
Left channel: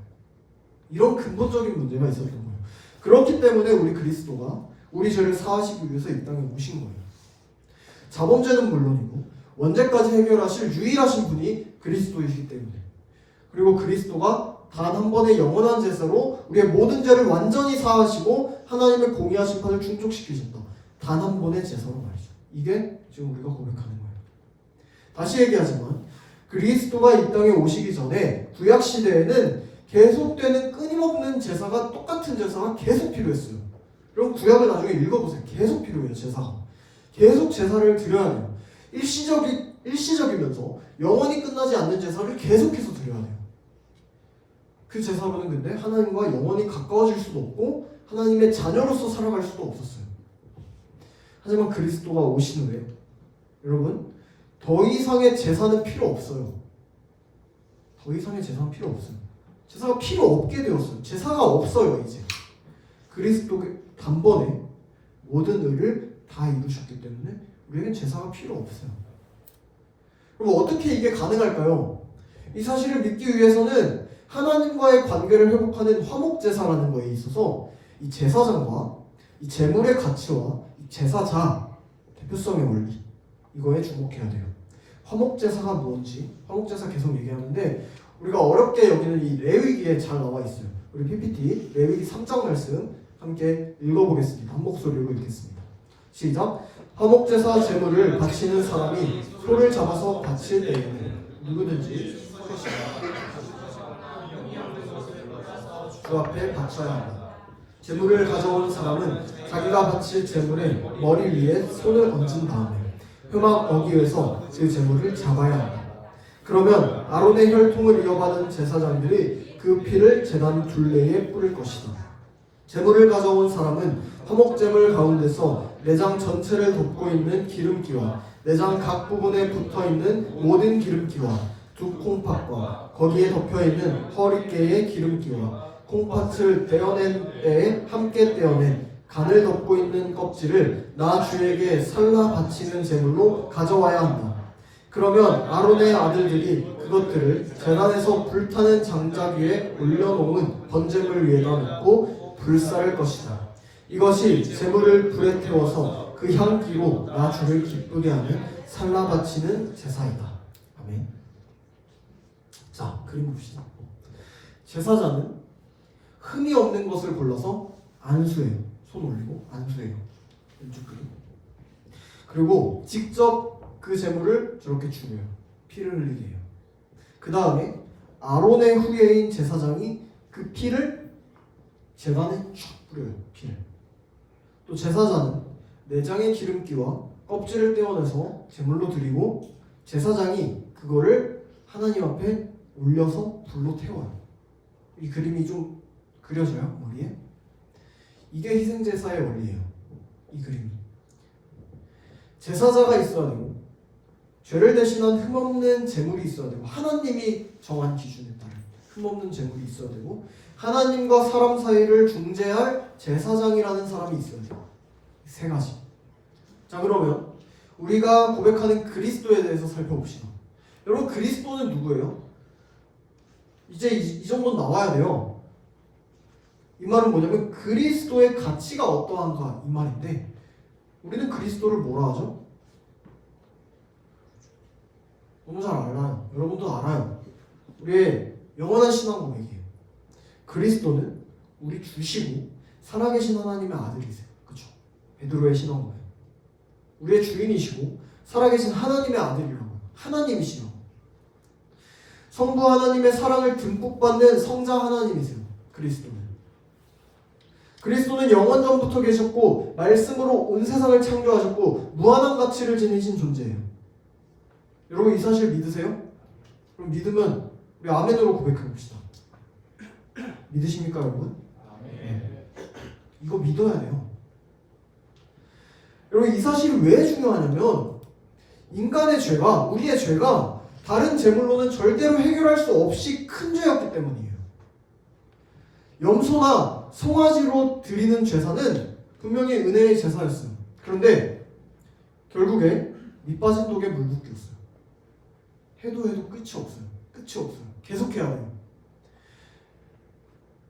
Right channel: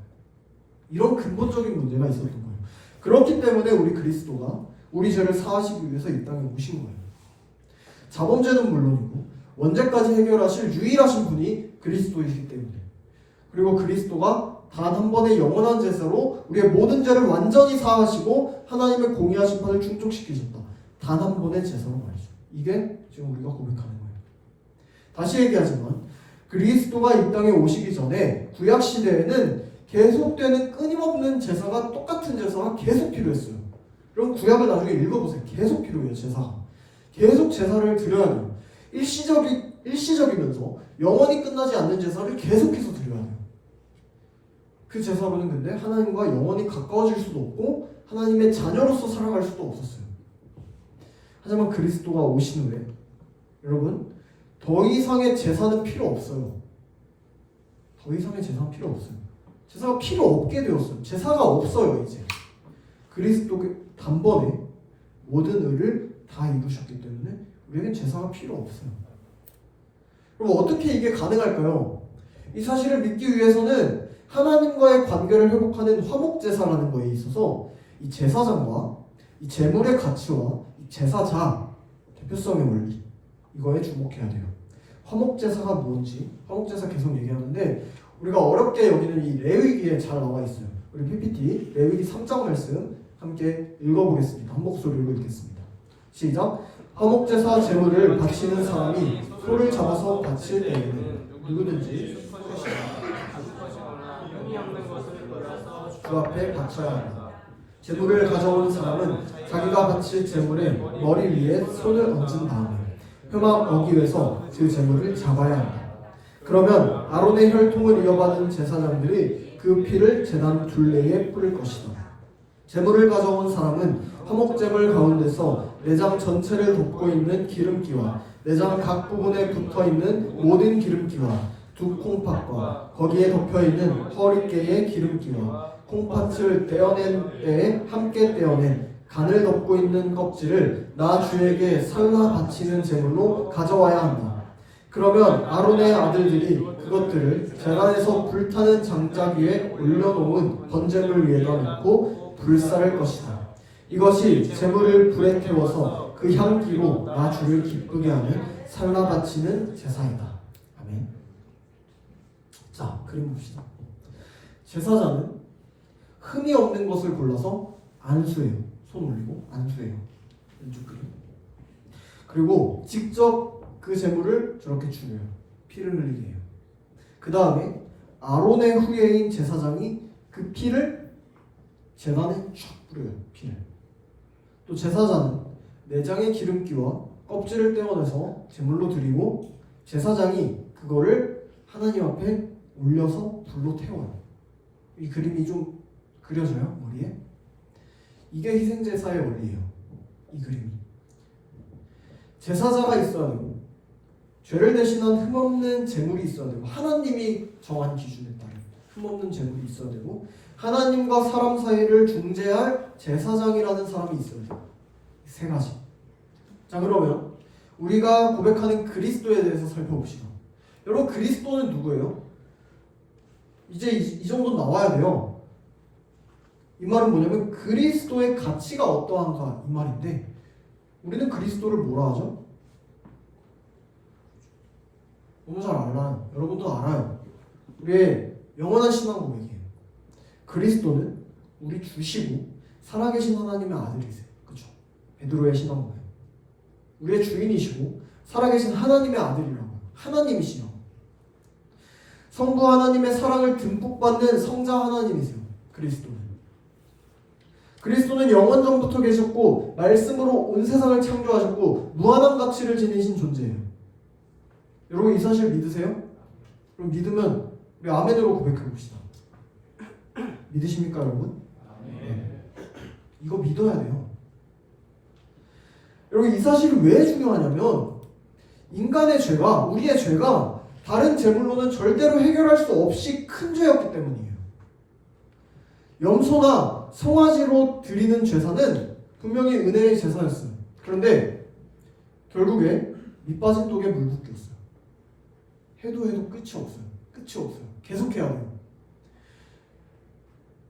이런 근본적인 문제가 있었던 거예요. 그렇기 때문에 우리 그리스도가 우리 죄를 사하시기 위해서 이 땅에 오신 거예요. 자범죄는 물론이고 원죄까지 해결하실 유일하신 분이 그리스도이기 때문에, 그리고 그리스도가 단 한 번의 영원한 제사로 우리의 모든 죄를 완전히 사하시고 하나님의 공의와 심판을 충족시키셨다. 단 한 번의 제사로 말이죠. 이게 지금 우리가 고백하는 거예요. 다시 얘기하지만 그리스도가 이 땅에 오시기 전에 구약 시대에는 계속되는 끊임없는 제사가, 똑같은 제사가 계속 필요했어요. 그럼 구약을 나중에 읽어보세요. 계속 필요해요. 제사가. 계속 제사를 드려야 돼요. 일시적이면서 영원히 끝나지 않는 제사를 계속해서 드려야 돼요. 그 제사로는 근데 하나님과 영원히 가까워질 수도 없고 하나님의 자녀로서 살아갈 수도 없었어요. 하지만 그리스도가 오신 후에 여러분, 더 이상의 제사는 필요 없어요. 더 이상의 제사는 필요 없어요. 제사가 필요 없게 되었어요. 제사가 없어요. 이제 그리스도가 단번에 모든 의를 다 이루셨기 때문에 우리에겐 제사가 필요 없어요. 그럼 어떻게 이게 가능할까요? 이 사실을 믿기 위해서는 하나님과의 관계를 회복하는 화목제사라는 거에 있어서 이 제사장과 이 제물의 가치와 이 제사자 대표성의 원리, 이거에 주목해야 돼요. 화목제사가 뭔지, 화목제사 계속 얘기하는데 우리가 어렵게 여기는 이 레위기에 잘 나와 있어요. 우리 PPT 레위기 3장 말씀 함께 읽어보겠습니다. 한 목소리로 읽겠습니다. 시작. 화목제사 제물을 바치는 사람이 소를 잡아서 바칠 때에는 누구든지 주 앞에 바쳐야 한다. 제물을 가져온 사람은 자기가 바칠 제물의 머리 위에 손을 얹은 다음에 표막 어기에서 그 제물을 잡아야 한다. 그러면 아론의 혈통을 이어받은 제사장들이 그 피를 제단 둘레에 뿌릴 것이다. 제물을 가져온 사람은 화목제물 가운데서 내장 전체를 덮고 있는 기름기와 내장 각 부분에 붙어있는 모든 기름기와 두 콩팥과 거기에 덮여있는 허리깨의 기름기와 콩팥을 떼어낸 때에 함께 떼어낸 간을 덮고 있는 껍질을 나 주에게 살라 바치는 제물로 가져와야 한다. 그러면 아론의 아들들이 그것들을 제단에서 불타는 장작 위에 올려놓은 번제물 위에다 놓고 불사를 것이다. 이것이 제물을 불에 태워서 그 향기로 나 주를 기쁘게 하는 살라 바치는 제사이다. 아멘. 자, 그림 봅시다. 제사장은 흠이 없는 것을 골라서 안수해요. 손 올리고 안수해요. 왼쪽 그림. 그리고 직접 그 제물을 저렇게 죽여요. 피를 흘리게 해요. 그 다음에 아론의 후예인 제사장이 그 피를 제단에 쫙 뿌려요. 피를. 또 제사장은 내장의 기름기와 껍질을 떼어내서 제물로 드리고 제사장이 그거를 하나님 앞에 올려서 불로 태워요. 이 그림이 좀 그려져요? 머리에? 이게 희생제사의 원리예요. 이 그림이. 제사자가 있어야 되고 죄를 대신한 흠없는 제물이 있어야 되고 하나님이 정한 기준에 따른 흠없는 제물이 있어야 되고 하나님과 사람 사이를 중재할 제사장이라는 사람이 있어야 돼요. 세 가지. 자, 그러면 우리가 고백하는 그리스도에 대해서 살펴봅시다. 여러분, 그리스도는 누구예요? 이제 이 정도 나와야 돼요. 이 말은 뭐냐면 그리스도의 가치가 어떠한가 이 말인데 우리는 그리스도를 뭐라 하죠? 너무 잘 알아요. 여러분도 알아요. 우리의 영원한 신앙 고백이에요. 그리스도는 우리 주시고 살아계신 하나님의 아들이세요. 그렇죠? 베드로의 신앙 고백. 우리의 주인이시고 살아계신 하나님의 아들이라고요. 하나님이시라고. 성부 하나님의 사랑을 듬뿍 받는 성자 하나님이세요. 그리스도는. 그리스도는 영원 전부터 계셨고 말씀으로 온 세상을 창조하셨고 무한한 가치를 지니신 존재예요. 여러분 이 사실 믿으세요? 그럼 믿으면 우리 아멘으로 고백해 봅시다. 믿으십니까 여러분? 네. 이거 믿어야 돼요. 여러분 이 사실이 왜 중요하냐면 인간의 죄가, 우리의 죄가 다른 제물로는 절대로 해결할 수 없이 큰 죄였기 때문이에요. 염소나 송아지로 드리는 제사는 분명히 은혜의 제사였어요. 그런데 결국에 밑빠진 독에 물 붓기였어요. 해도 끝이 없어요. 끝이 없어요. 계속해야 돼요.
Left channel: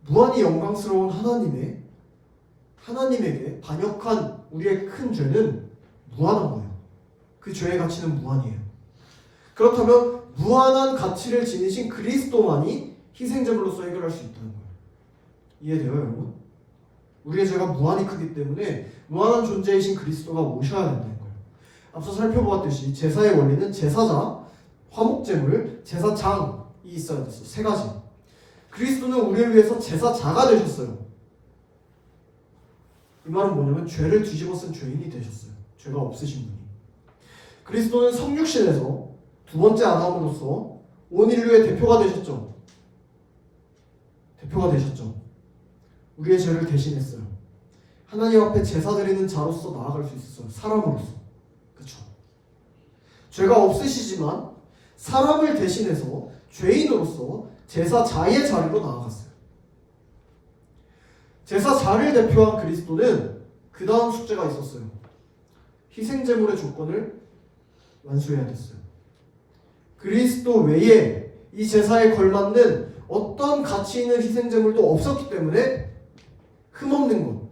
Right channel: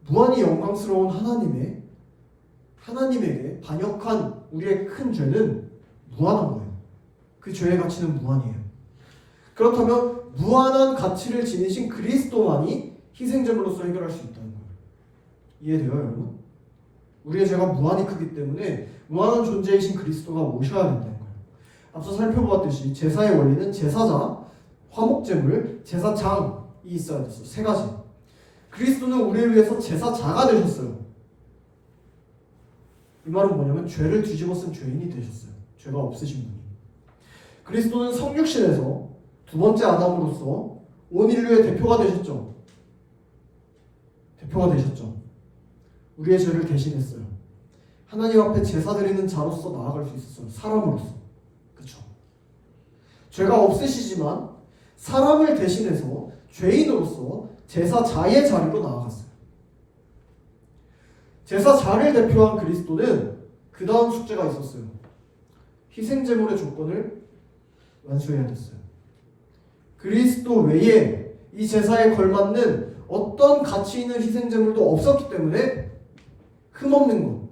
무한히 영광스러운 하나님에게 반역한 우리의 큰 죄는 무한한 거예요. 그 죄의 가치는 무한이에요. 그렇다면 무한한 가치를 지니신 그리스도만이 희생제물로서 해결할 수 있다는 거예요. 이해돼요, 여러분? 우리의 죄가 무한히 크기 때문에 무한한 존재이신 그리스도가 오셔야 된다는 거예요. 앞서 살펴보았듯이 제사의 원리는 제사자, 화목제물, 제사장이 있어야 됐어. 세 가지. 그리스도는 우리를 위해서 제사자가 되셨어요. 이 말은 뭐냐면 죄를 뒤집어 쓴 죄인이 되셨어요. 죄가 없으신 분이. 그리스도는 성육신에서 두 번째 아담으로서 온 인류의 대표가 되셨죠. 대표가 되셨죠. 우리의 죄를 대신했어요. 하나님 앞에 제사 드리는 자로서 나아갈 수 있었어요. 사람으로서. 그렇죠. 죄가 없으시지만 사람을 대신해서 죄인으로서 제사자의 자리로 나아갔어요. 제사자를 대표한 그리스도는 그 다음 숙제가 있었어요. 희생제물의 조건을 완수해야 됐어요. 그리스도 외에 이 제사에 걸맞는 어떤 가치 있는 희생제물도 없었기 때문에 흠없는 것,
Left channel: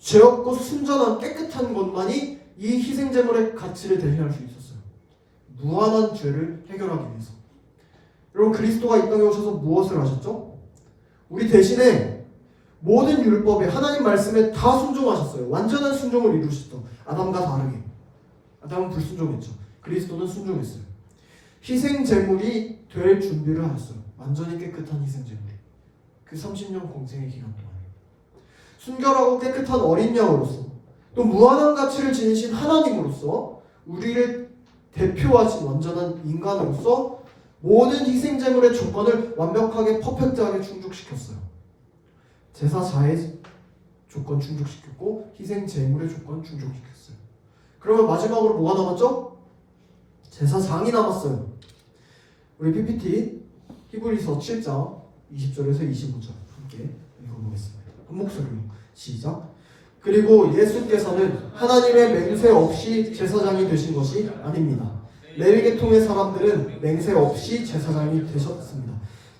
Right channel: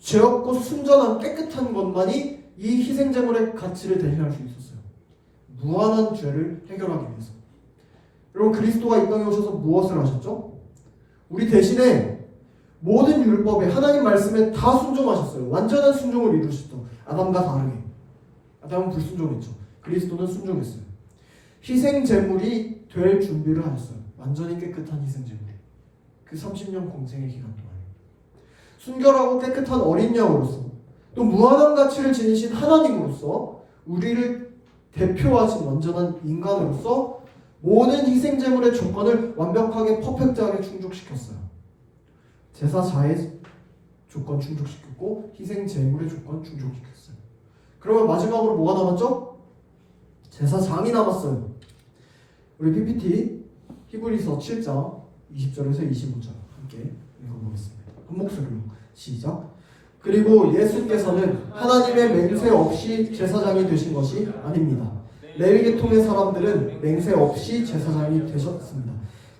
죄 없고 순전한 깨끗한 것만이 이 희생제물의 가치를 대신할 수 있었어요. 무한한 죄를 해결하기 위해서. 여러분 그리스도가 이 땅에 오셔서 무엇을 하셨죠? 우리 대신에 모든 율법에 하나님 말씀에 다 순종하셨어요. 완전한 순종을 이루셨죠. 아담과 다르게. 아담은 불순종했죠. 그리스도는 순종했어요. 희생제물이 될 준비를 하셨어요. 완전히 깨끗한 희생제물이. 그 30년 공생의 기간 동안. 순결하고 깨끗한 어린 양으로서 또 무한한 가치를 지니신 하나님으로서 우리를 대표하신 완전한 인간으로서 모든 희생제물의 조건을 완벽하게 퍼펙트하게 충족시켰어요. 제사자의 조건 충족시켰고 희생제물의 조건 충족시켰어요. 그러면 마지막으로 뭐가 남았죠? 제사장이 남았어요. 우리 PPT 히브리서 7장 20절에서 25절 함께 읽어보겠습니다. 한 목소리로 시작. 그리고 예수께서는 하나님의 맹세 없이 제사장이 되신 것이 아닙니다. 레위 계통의 사람들은 맹세 없이 제사장이 되셨습니다.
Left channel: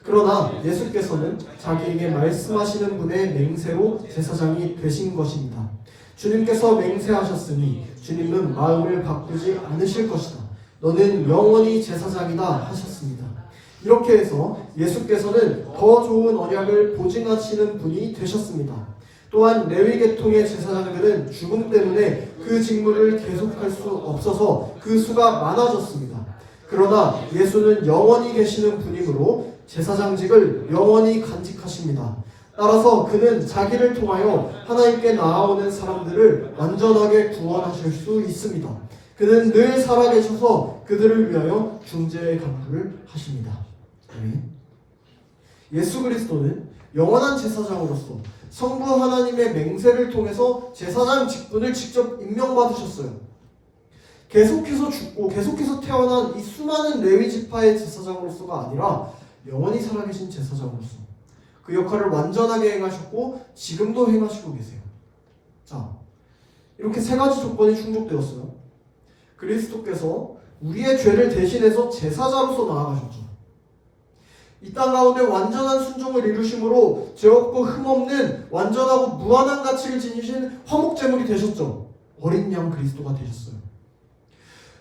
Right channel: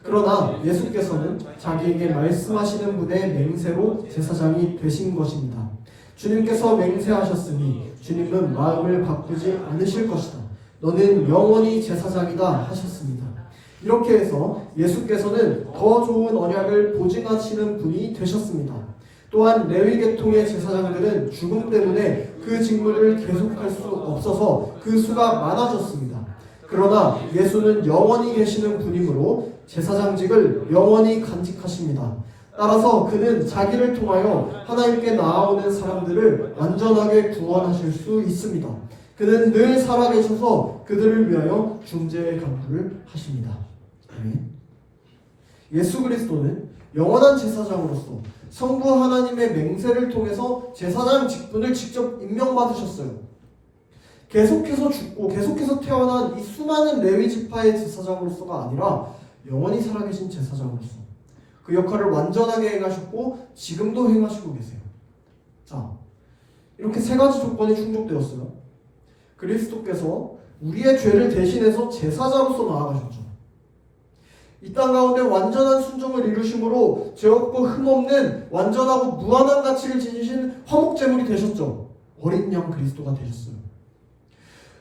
그러나 예수께서는 자기에게 말씀하시는 분의 맹세로 제사장이 되신 것입니다. 주님께서 맹세하셨으니 주님은 마음을 바꾸지 않으실 것이다. 너는 영원히 제사장이다 하셨습니다. 이렇게 해서 예수께서는 더 좋은 언약을 보증하시는 분이 되셨습니다. 또한 레위 계통의 제사장들은 죽음 때문에 그 직무를 계속할 수 없어서 그 수가 많아졌습니다. 그러나 예수는 영원히 계시는 분이므로 제사장직을 영원히 간직하십니다. 따라서 그는 자기를 통하여 하나님께 나아오는 사람들을 완전하게 구원하실 수 있습니다. 그는 늘 살아계셔서 그들을 위하여 중재의 간구를 하십니다. 예수 그리스도는 영원한 제사장으로서 성부 하나님의 맹세를 통해서 제사장 직분을 직접 임명받으셨어요. 계속해서 죽고 계속해서 태어난 이 수많은 레위 지파의 제사장으로서가 아니라 영원히 살아계신 제사장으로서 그 역할을 완전하게 행하셨고 지금도 행하시고 계세요. 자, 이렇게 세 가지 조건이 충족되었어요. 그리스도께서 우리의 죄를 대신해서 제사자로서 나아가셨죠. 이 땅 가운데 완전한 순종을 이루심으로 죄 없고 흠없는 완전하고 무한한 가치를 지니신 화목제물이 되셨죠. 어린 양 그리스도가 되셨어요.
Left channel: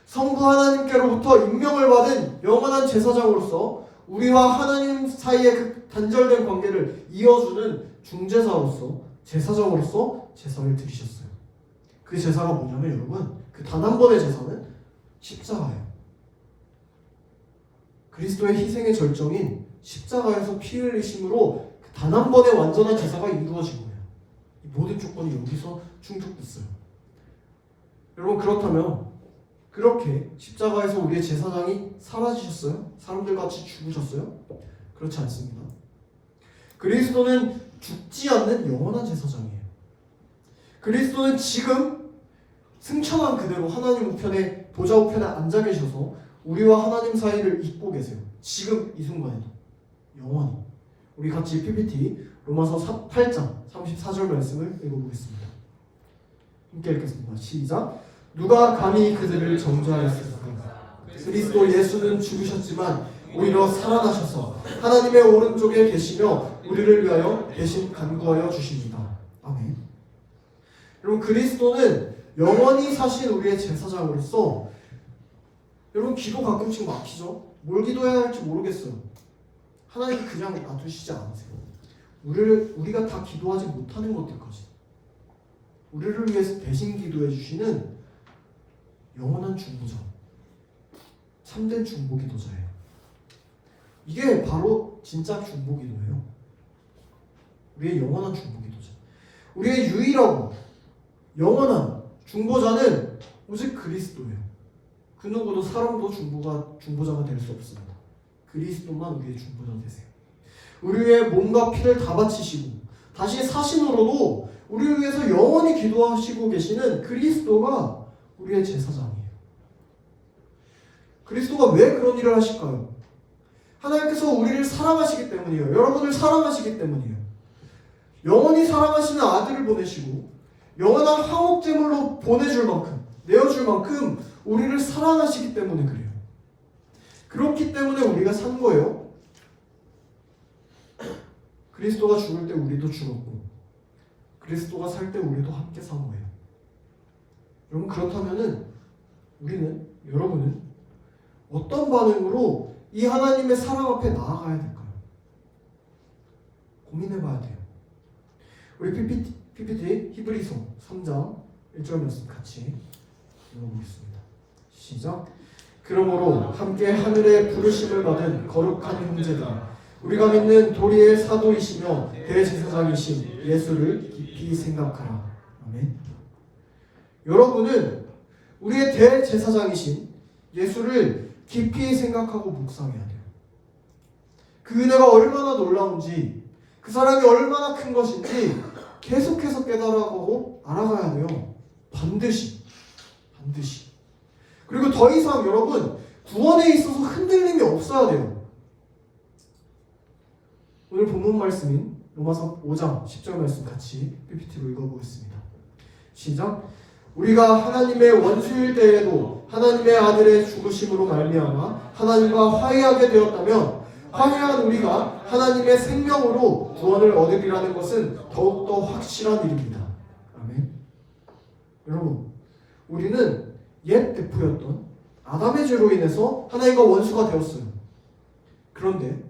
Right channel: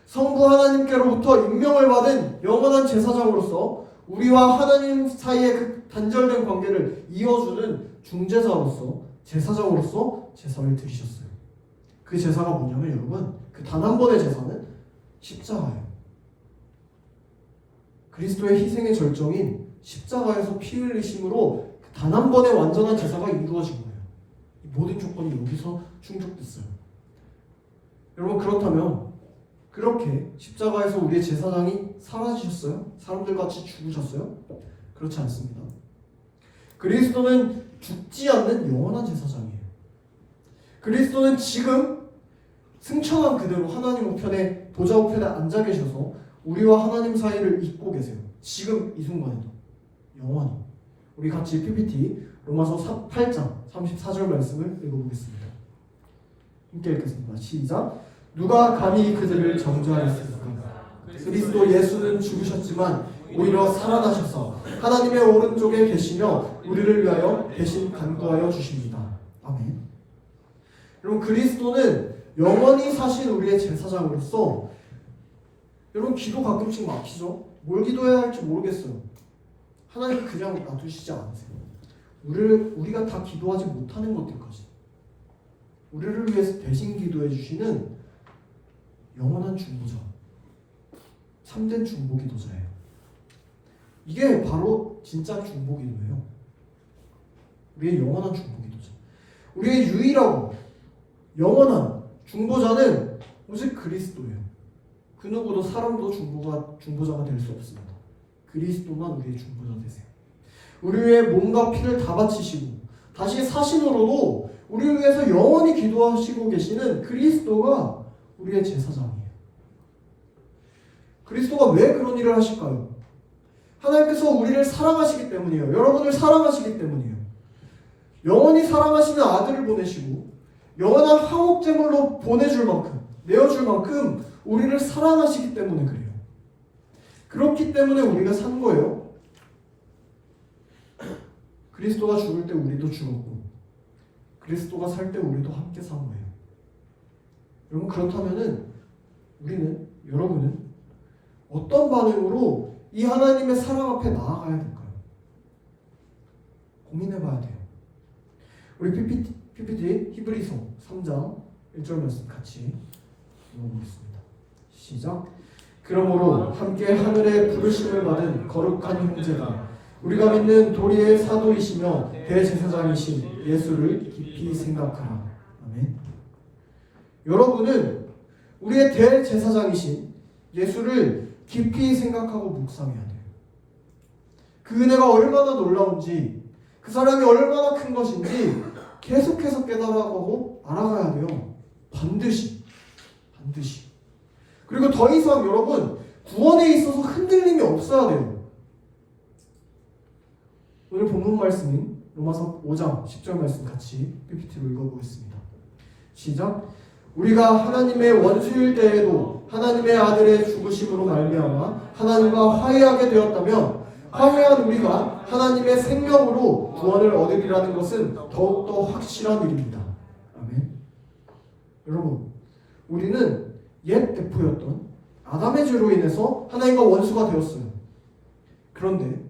성부 하나님께로부터 임명을 받은 영원한 제사장으로서 우리와 하나님 사이의 그 단절된 관계를 이어주는 중재자로서 제사장으로서 제사를 드리셨어요. 그 제사가 뭐냐면 여러분 그 단 한 번의 제사는 십자가예요. 그리스도의 희생의 절정인 십자가에서 피 흘리심으로 단 한 번의 완전한 제사가 이루어진 거예요. 이 모든 조건이 여기서 충족됐어요. 여러분, 그렇다면 그렇게 십자가에서 우리의 제사장이 사라지셨어요? 사람들 같이 죽으셨어요? 그렇지 않습니다. 그리스도는 죽지 않는 영원한 제사장이에요. 그리스도는 지금 승천한 그대로 하나님 우편에, 보좌 우편에 앉아 계셔서 우리와 하나님 사이를 잇고 계세요. 지금 이 순간에도 영원히. 우리 같이 PPT 로마서 8장 34절 말씀을 읽어보겠습니다. 함께 읽겠습니다. 시작. 누가 감히 그들을 정죄하였습니까? 그리스도 예수는 죽으셨지만 오히려 살아나셔서 하나님의 오른쪽에 계시며 우리를 위하여 대신 간구하여 주십니다. 아멘. 여러분, 그리스도는 영원히 사신 우리의 제사장으로서, 여러분, 기도 가끔씩 막히죠? 뭘 기도해야 할지 모르겠어요. 하나님 그냥 놔두시지 않으세요. 우리가 다 기도하지 못하는 것들까지 우리를 위해서 대신 기도해 주시는 영원한 중보자, 참된 중보 기도자예요. 이게 바로 진짜 중보 기도예요. 우리의 영원한 중보 기도자. 우리의 유일하고 영원한 중보자는 오직 그리스도예요. 그 누구도 사람도 중보자가 될 수 없습니다. 그리스도만 우리의 중보자 되세요. 우리 위해 몸과 피를 다 바치시고 다시 사신으로도 우리를 위해서 영원히 기도하시고 계시는 그리스도가 우리의 제사장이에요. 그리스도가 왜 그런 일을 하실까요? 하나님께서 우리를 사랑하시기 때문이에요. 여러분을 사랑하시기 때문이에요. 영원히 사랑하시는 아들을 보내시고 영원한 화목제물로 보내줄 만큼, 내어줄 만큼 우리를 사랑하시기 때문에 그래요. 그렇기 때문에 우리가 산 거예요. 그리스도가 죽을 때 우리도 죽었고 그리스도가 살 때 우리도 함께 산 거예요. 여러분, 그렇다면은 여러분은 어떤 반응으로 이 하나님의 사랑 앞에 나아가야 될까요? 고민해봐야 돼요. 우리 PPT 히브리서 3장 1절 말씀 같이 읽어보겠습니다. 시작. 그러므로 함께 하늘의 부르심을 받은 거룩한 형제들, 우리가 믿는 도리의 사도이시며 대제사장이신 예수를 깊이 생각하라. 아멘. 여러분은 우리의 대제사장이신 예수를 깊이 생각하고 묵상해야 돼요. 그 은혜가 얼마나 놀라운지, 그 사랑이 얼마나 큰 것인지 계속해서 깨달아가고 알아가야 돼요. 반드시. 그리고 더 이상 여러분, 구원에 있어서 흔들림이 없어야 돼요. 오늘 본문 말씀인 로마서 5장 10절 말씀 같이 PPT로 읽어보겠습니다. 시작. 우리가 하나님의 원수일 때에도 하나님의 아들의 죽으심으로 말미암아 하나님과 화해하게 되었다면 화해한 우리가 하나님의 생명으로 구원을 얻으리라는 것은 더욱더 확실한 일입니다. 아멘. 여러분, 우리는 옛 대표였던 아담의 죄로 인해서 하나님과 원수가 되었어요. 그런데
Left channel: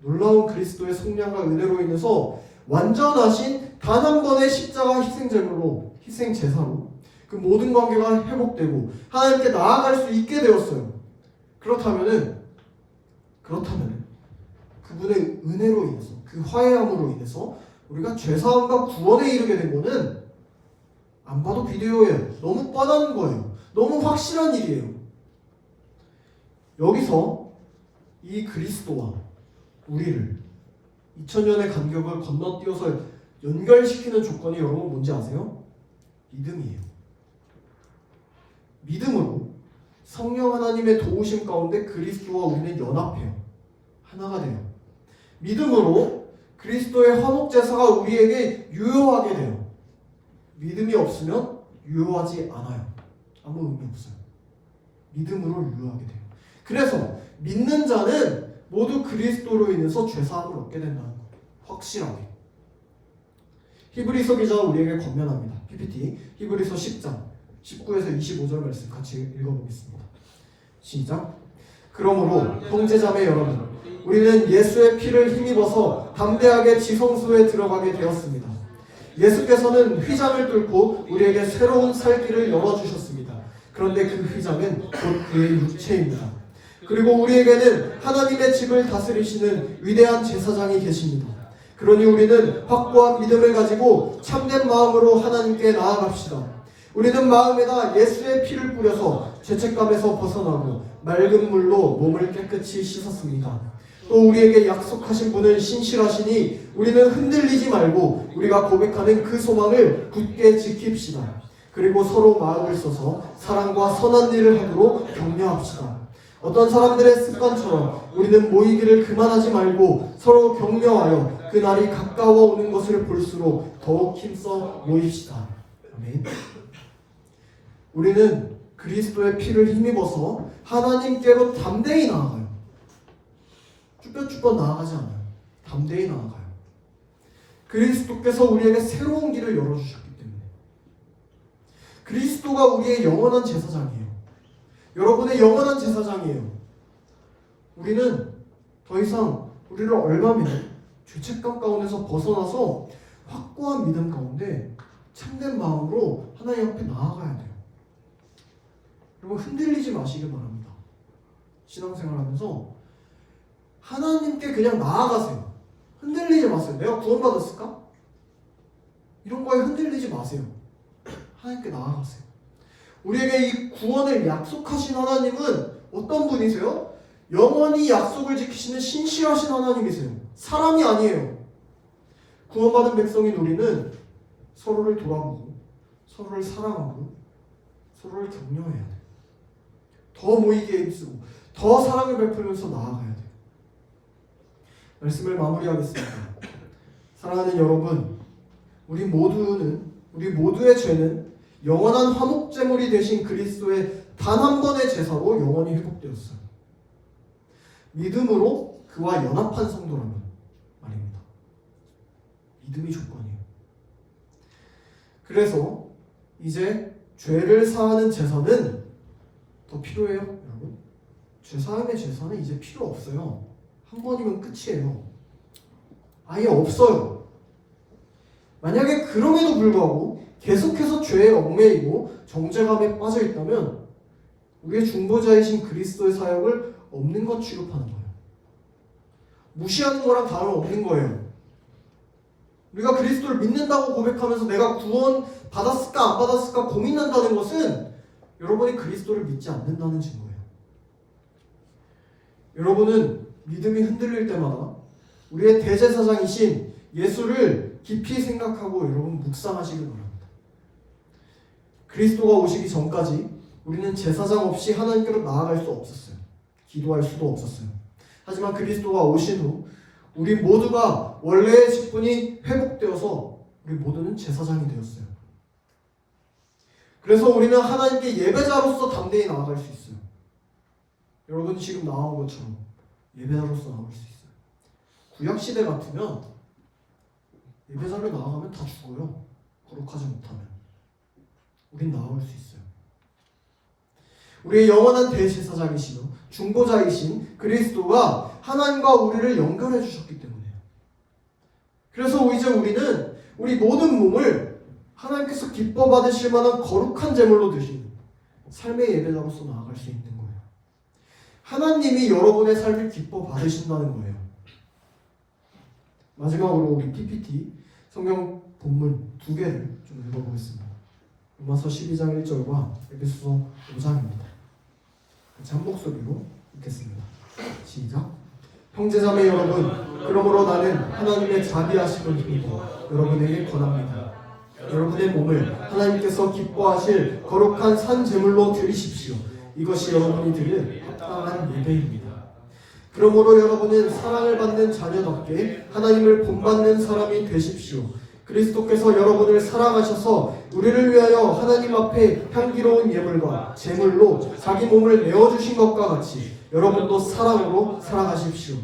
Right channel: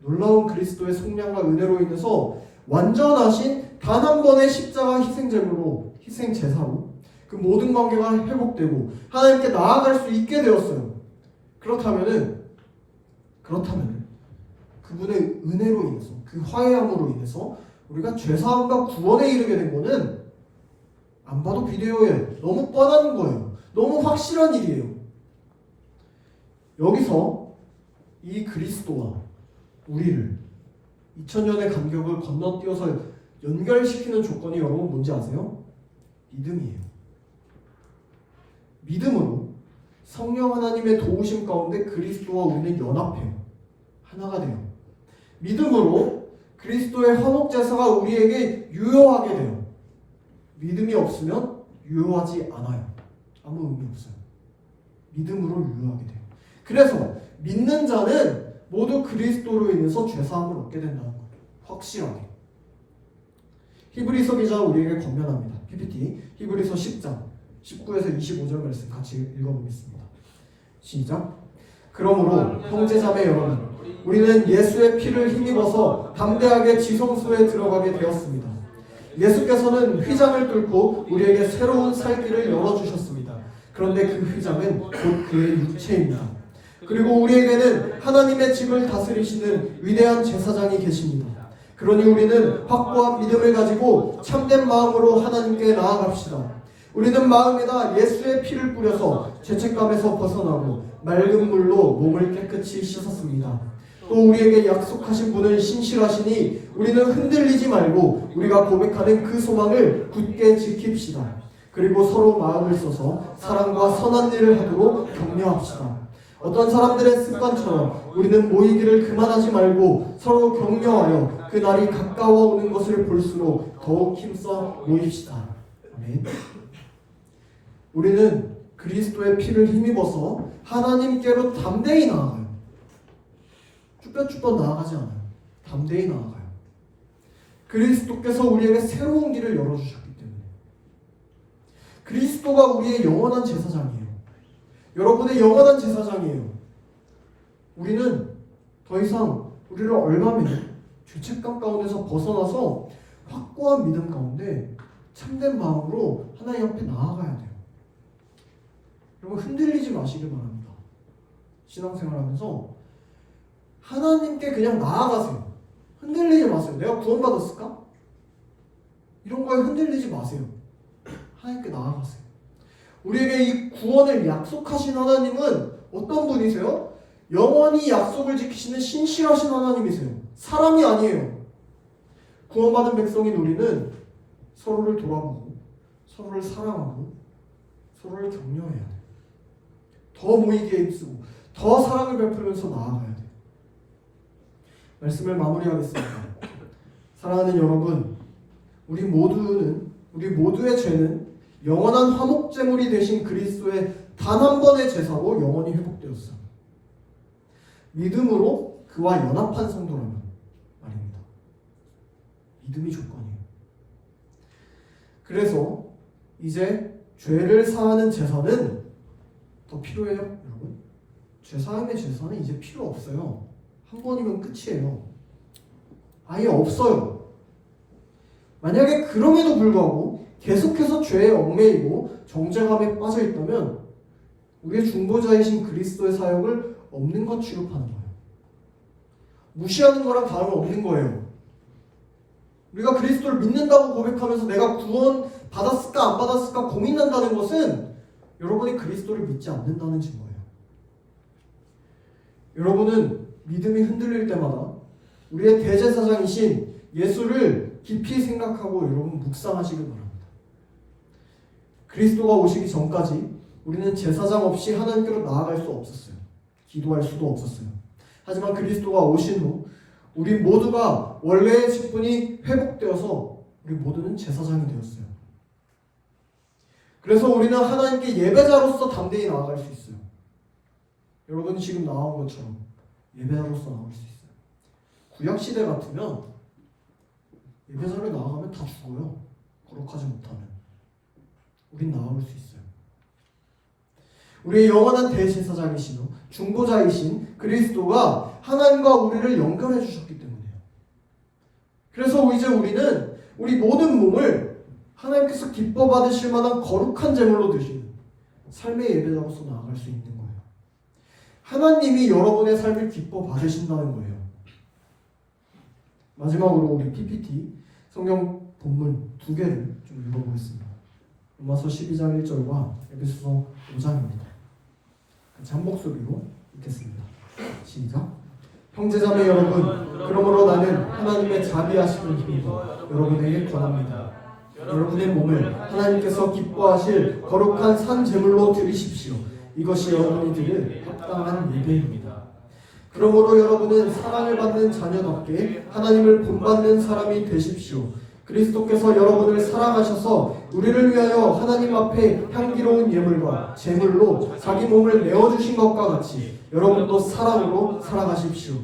놀라운 그리스도의 속량과 은혜로 인해서 완전하신 단 한 번의 십자가 희생제물로, 희생제사로 그 모든 관계가 회복되고 하나님께 나아갈 수 있게 되었어요. 그렇다면은 그분의 은혜로 인해서, 그 화해함으로 인해서 우리가 죄사함과 구원에 이르게 된 거는 안 봐도 비디오에 너무 뻔한 거예요. 너무 확실한 일이에요. 여기서 이 그리스도와 우리를 2000년의 간격을 건너뛰어서 연결시키는 조건이 여러분 뭔지 아세요? 믿음이에요. 믿음으로 성령 하나님의 도우심 가운데 그리스도와 우리는 연합해요. 하나가 돼요. 믿음으로 그리스도의 화목제사가 우리에게 유효하게 돼요. 믿음이 없으면 유효하지 않아요. 아무 의미 없어요. 믿음으로 유효하게 돼요. 그래서 믿는 자는 모두 그리스도로 인해서 죄사함을 얻게 된다는 거예요. 확실하게. 히브리서 기자가 우리에게 권면합니다. PPT 히브리서 10장 19에서 25절 말씀 같이 읽어보겠습니다. 시작. 그러므로 형제자매 여러분, 우리는 예수의 피를 힘입어서 담대하게 지성소에 들어가게 되었습니다. 예수께서는 휘장을 뚫고 우리에게 새로운 살 길을 열어주셨습니다. 그런데 그 휘장은 곧 그의 육체입니다. 그리고 우리에게는 하나님의 집을 다스리시는 위대한 제사장이 계십니다. 그러니 우리는 확고한 믿음을 가지고 참된 마음으로 하나님께 나아갑시다. 우리는 마음에다 예수의 피를 뿌려서 죄책감에서 벗어나고 맑은 물로 몸을 깨끗이 씻었습니다. 또 우리에게 약속하신 분은 신실하시니 우리는 흔들리지 말고 우리가 고백하는 그 소망을 굳게 지킵시다. 그리고 서로 마음을 써서 사랑과 선한 일을 하도록 격려합시다. 어떤 사람들의 습관처럼 우리는 모이기를 그만하지 말고 서로 격려하여 그 날이 가까워 오는 것을 볼수록 더욱 힘써 모입시다. 아멘. 우리는 그리스도의 피를 힘입어서 하나님께로 담대히 나아가요. 쭈뼛쭈뼛 나아가지 않아요. 담대히 나아가요. 그리스도께서 우리에게 새로운 길을 열어주셨기 때문에. 그리스도가 우리의 영원한 제사장이에요. 여러분의 영원한 제사장이에요. 우리는 더 이상 우리를 얼마면 죄책감 가운데서 벗어나서 확고한 믿음 가운데 참된 마음으로 하나님 앞에 나아가야 돼요. 여러분 흔들리지 마시길 바랍니다. 신앙생활하면서 하나님께 그냥 나아가세요. 흔들리지 마세요. 내가 구원받았을까? 이런 거에 흔들리지 마세요. 하나님께 나아가세요. 우리에게 이 구원을 약속하신 하나님은 어떤 분이세요? 영원히 약속을 지키시는 신실하신 하나님이세요. 사람이 아니에요. 구원받은 백성인 우리는 서로를 돌아보고 서로를 사랑하고 서로를 격려해야 돼요. 더 모이기에 힘쓰고 더 사랑을 베풀면서 나아가야 돼요. 말씀을 마무리하겠습니다. 사랑하는 여러분, 우리 모두의 죄는 영원한 화목제물이 되신 그리스도의 단 한 번의 제사로 영원히 회복되었어요. 믿음으로 그와 연합한 성도라면 말입니다. 믿음이 조건이에요. 그래서 이제 죄를 사하는 제사는 더 필요해요, 여러분? 죄 사함의 제사는 이제 필요 없어요. 한 번이면 끝이에요. 아예 없어요. 만약에 그럼에도 불구하고 계속해서 죄에 얽매이고 정죄감에 빠져 있다면 우리의 중보자이신 그리스도의 사역을 없는 것 취급하는 거예요. 무시하는 거랑 다름없는 거예요. 우리가 그리스도를 믿는다고 고백하면서 내가 구원 받았을까 안 받았을까 고민한다는 것은 여러분이 그리스도를 믿지 않는다는 증거예요. 여러분은 믿음이 흔들릴 때마다 우리의 대제사장이신 예수를 깊이 생각하고 여러분 묵상하시길 바랍니다. 그리스도가 오시기 전까지 우리는 제사장 없이 하나님께로 나아갈 수 없었어요. 기도할 수도 없었어요. 하지만 그리스도가 오신 후 우리 모두가 원래의 직분이 회복되어서 우리 모두는 제사장이 되었어요. 그래서 우리는 하나님께 예배자로서 담대히 나아갈 수 있어요. 여러분이 지금 나온 것처럼 예배자로서 나올 수 있어요. 구약시대 같으면 예배자를 나아가면 다 죽어요. 거룩하지 못하면. 우린 나아올 수 있어요. 우리의 영원한 대제사장이시며 중보자이신 그리스도가 하나님과 우리를 연결해 주셨기 때문에. 그래서 이제 우리는 우리 모든 몸을 하나님께서 기뻐 받으실 만한 거룩한 제물로 드신 삶의 예배자로서 나아갈 수 있는 거예요. 하나님이 여러분의 삶을 기뻐 받으신다는 거예요. 마지막으로 우리 PPT 성경 본문 두 개를 좀 읽어보겠습니다. 로마서 12장 1절과 에베소서 5장입니다. 같이 한 목소리로 읽겠습니다. 시작. 형제자매 여러분, 그러므로 나는 하나님의 자비하심을 힘입어 여러분에게 권합니다. 여러분의 몸을 하나님께서 기뻐하실 거룩한 산 제물로 드리십시오. 이것이 여러분이 드릴 합당한 예배입니다. 그러므로 여러분은 사랑을 받는 자녀답게 하나님을 본받는 사람이 되십시오. 그리스도께서 여러분을 사랑하셔서 우리를 위하여 하나님 앞에 향기로운 예물과 제물로 자기 몸을 내어주신 것과 같이 여러분도 사랑으로 살아가십시오.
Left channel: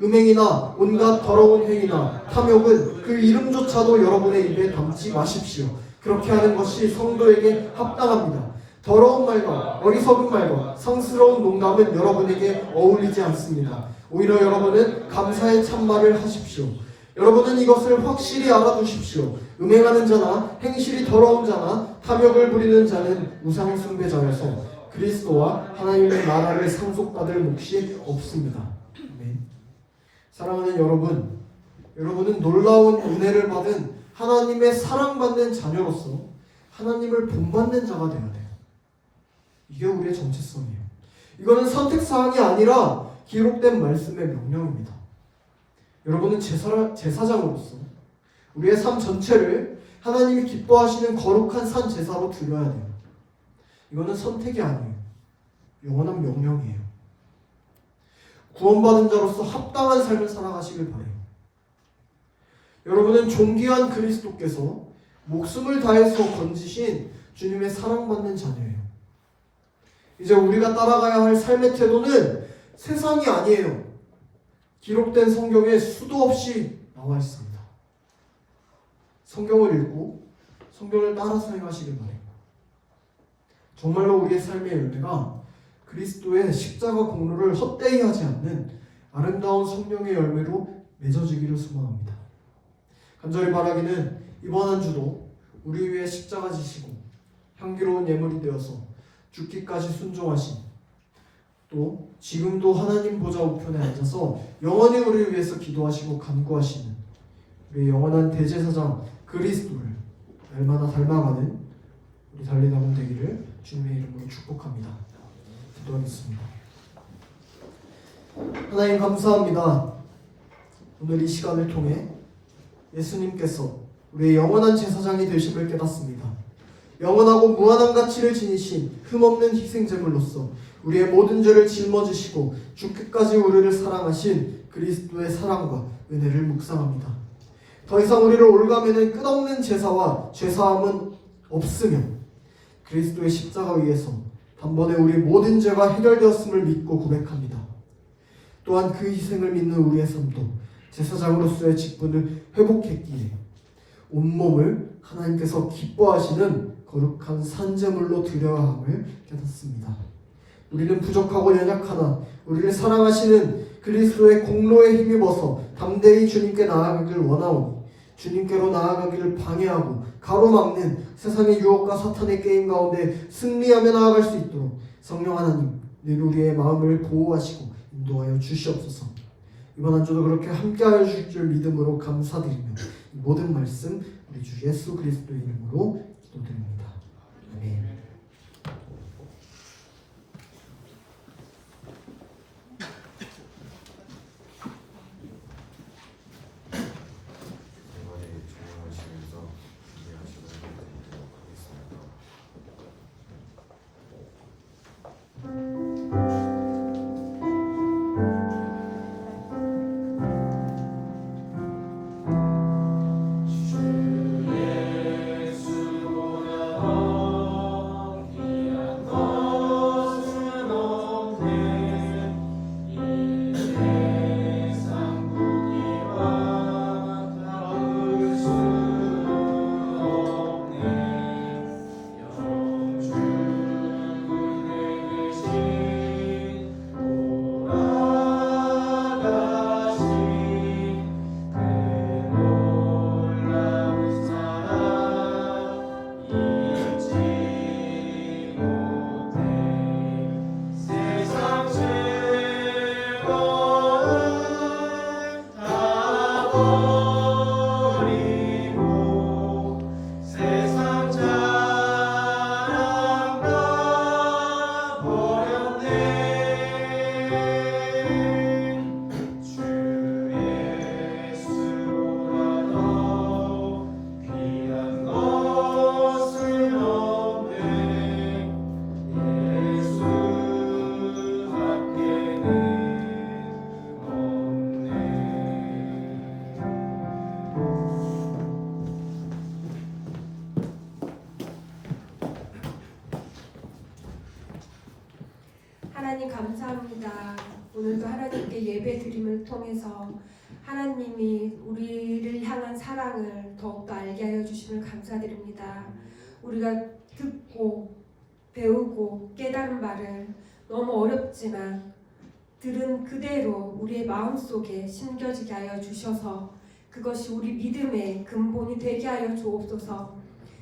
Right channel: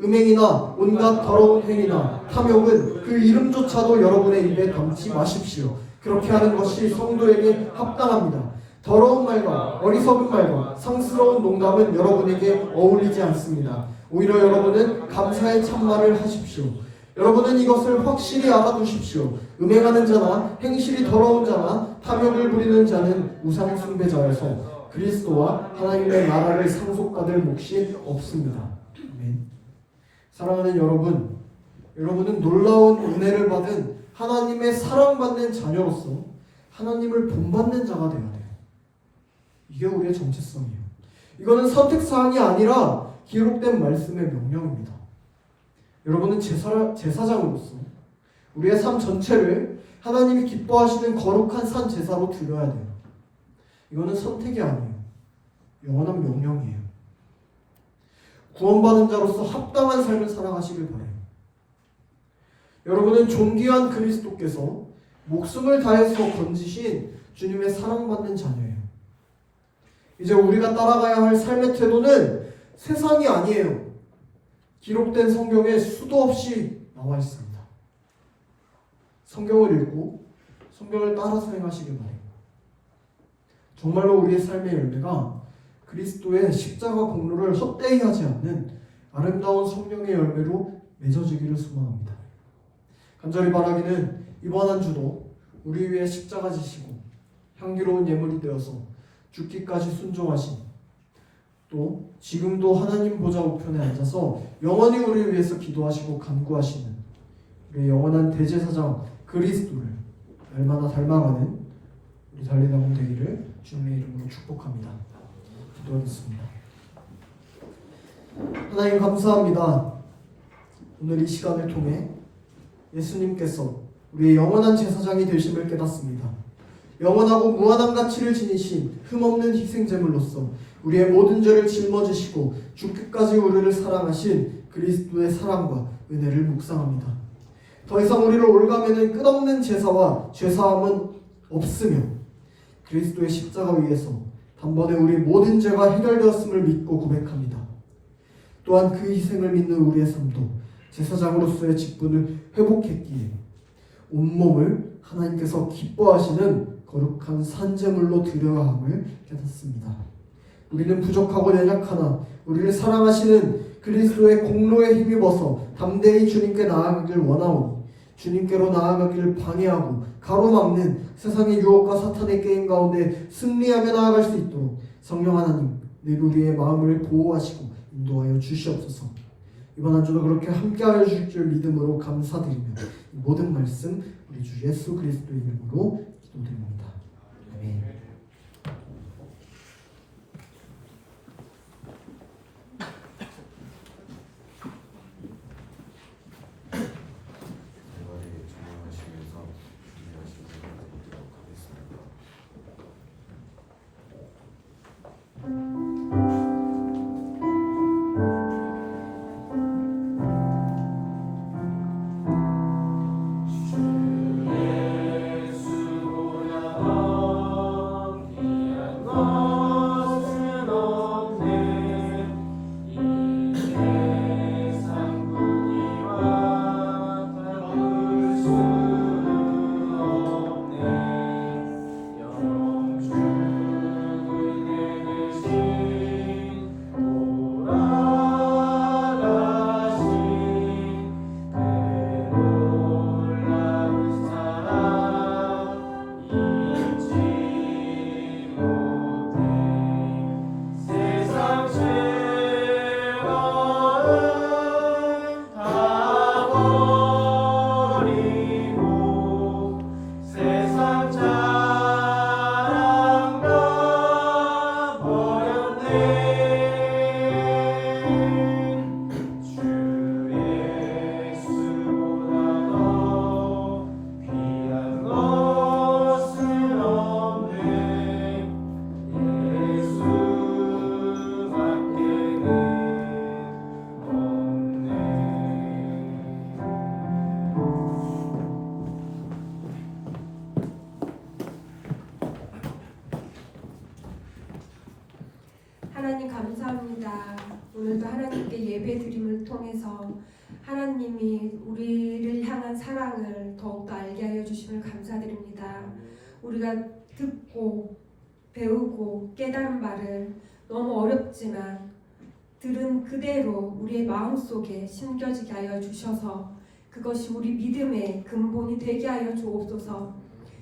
음행이나 온갖 더러운 행위나 탐욕은 그 이름조차도 여러분의 입에 담지 마십시오. 그렇게 하는 것이 성도에게 합당합니다. 더러운 말과 어리석은 말과 상스러운 농담은 여러분에게 어울리지 않습니다. 오히려 여러분은 감사의 참말을 하십시오. 여러분은 이것을 확실히 알아두십시오. 음행하는 자나 행실이 더러운 자나 탐욕을 부리는 자는 우상 숭배자여서 그리스도와 하나님의 나라를 상속받을 몫이 없습니다. 아멘. 사랑하는 여러분, 여러분은 놀라운 은혜를 받은 하나님의 사랑받는 자녀로서 하나님을 본받는 자가 되어야 돼요. 이게 우리의 정체성이에요. 이거는 선택사항이 아니라 기록된 말씀의 명령입니다. 여러분은 제사장으로서 우리의 삶 전체를 하나님이 기뻐하시는 거룩한 산 제사로 드려야 돼요. 이거는 선택이 아니에요. 영원한 명령이에요. 구원받은 자로서 합당한 삶을 살아가시길 바라요. 여러분은 존귀한 그리스도께서 목숨을 다해서 건지신 주님의 사랑받는 자녀예요. 이제 우리가 따라가야 할 삶의 태도는 세상이 아니에요. 기록된 성경에 수도 없이 나와 있습니다. 성경을 읽고 성경을 따라서 행하시길 바라요. 정말로 우리의 삶의 열매가 그리스도의 십자가 공로를 헛되이 하지 않는 아름다운 성령의 열매로 맺어지기를 소망합니다. 간절히 바라기는 이번 한 주도 우리 위해 십자가 지시고 향기로운 예물이 되어서 죽기까지 순종하신, 또 지금도 하나님 보좌 우편에 앉아서 영원히 우리를 위해서 기도하시고 간구하시는 우리의 영원한 대제사장 그리스도를 날마다 닮아가는 우리 달리나온 되기를 주님의 이름으로 축복합니다. 기도하겠습니다. 하나님 감사합니다. 오늘 이 시간을 통해 예수님께서 우리의 영원한 제사장이 되심을 깨닫습니다. 영원하고 무한한 가치를 지니신 흠없는 희생제물로서 우리의 모든 죄를 짊어지시고 죽기까지 우리를 사랑하신 그리스도의 사랑과 은혜를 묵상합니다. 더 이상 우리를 올가매는 끝없는 제사와 죄사함은 없으며 그리스도의 십자가 위에서 단번에 우리 모든 죄가 해결되었음을 믿고 고백합니다. 또한 그 희생을 믿는 우리의 삶도 제사장으로서의 직분을 회복했기에 온몸을 하나님께서 기뻐하시는 거룩한 산제물로 드려야 함을 깨닫습니다. 우리는 부족하고 연약하나 우리를 사랑하시는 그리스도의 공로에 힘입어서 담대히 주님께 나아가기를 원하오니 주님께로 나아가기를 방해하고 가로막는 세상의 유혹과 사탄의 게임 가운데 승리하며 나아갈 수 있도록 성령 하나님 늘 우리의 마음을 보호하시고 인도하여 주시옵소서. 이번 한 주도 그렇게 함께하여 주실 줄 믿음으로 감사드리며 이 모든 말씀 우리 주 예수 그리스도의 이름으로 기도드립니다. 아멘. 하나님 감사합니다. 오늘도 하나님께 예배 드림을 통해서 하나님이 우리를 향한 사랑을 더욱더 알게 하여 주심을 감사드립니다. 우리가 듣고 배우고 깨달은 바를 너무 어렵지만 들은 그대로 우리의 마음속에 심겨지게 하여 주셔서 그것이 우리 믿음의 근본이 되게 하여 주옵소서.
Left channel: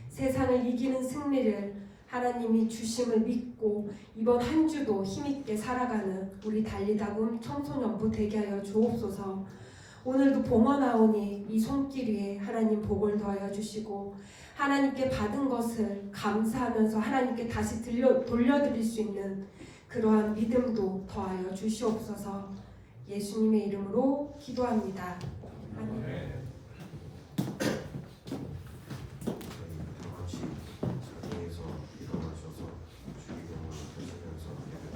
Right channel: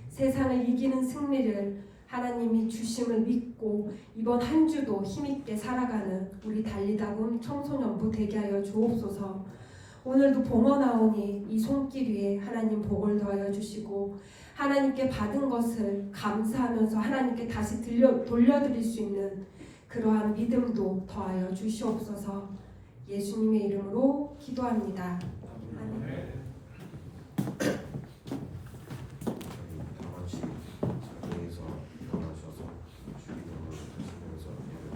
세상을 이기는 승리를 하나님이 주심을 믿고 이번 한 주도 힘있게 살아가는 우리 달리다운 청소년부 되게 하여 주옵소서. 오늘도 봄어나오니 이 손길 위에 하나님 복을 더하여 주시고 하나님께 받은 것을 감사하면서 하나님께 다시 돌려드릴 수 있는 그러한 믿음도 더하여 주시옵소서. 예수님의 이름으로 기도합니다. 아멘. 다 같이 자리에서 일어나셔서 주기도문을 하시면서 예배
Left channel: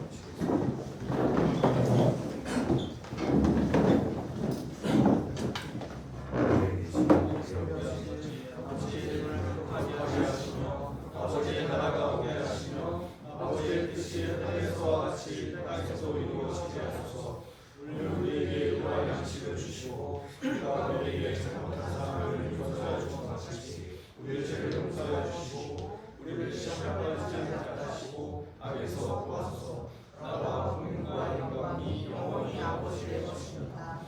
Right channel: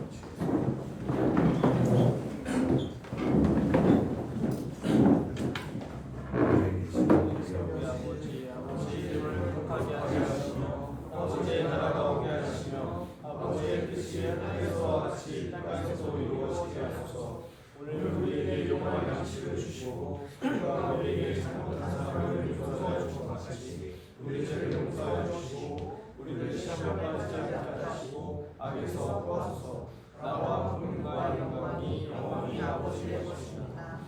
마치겠습니다.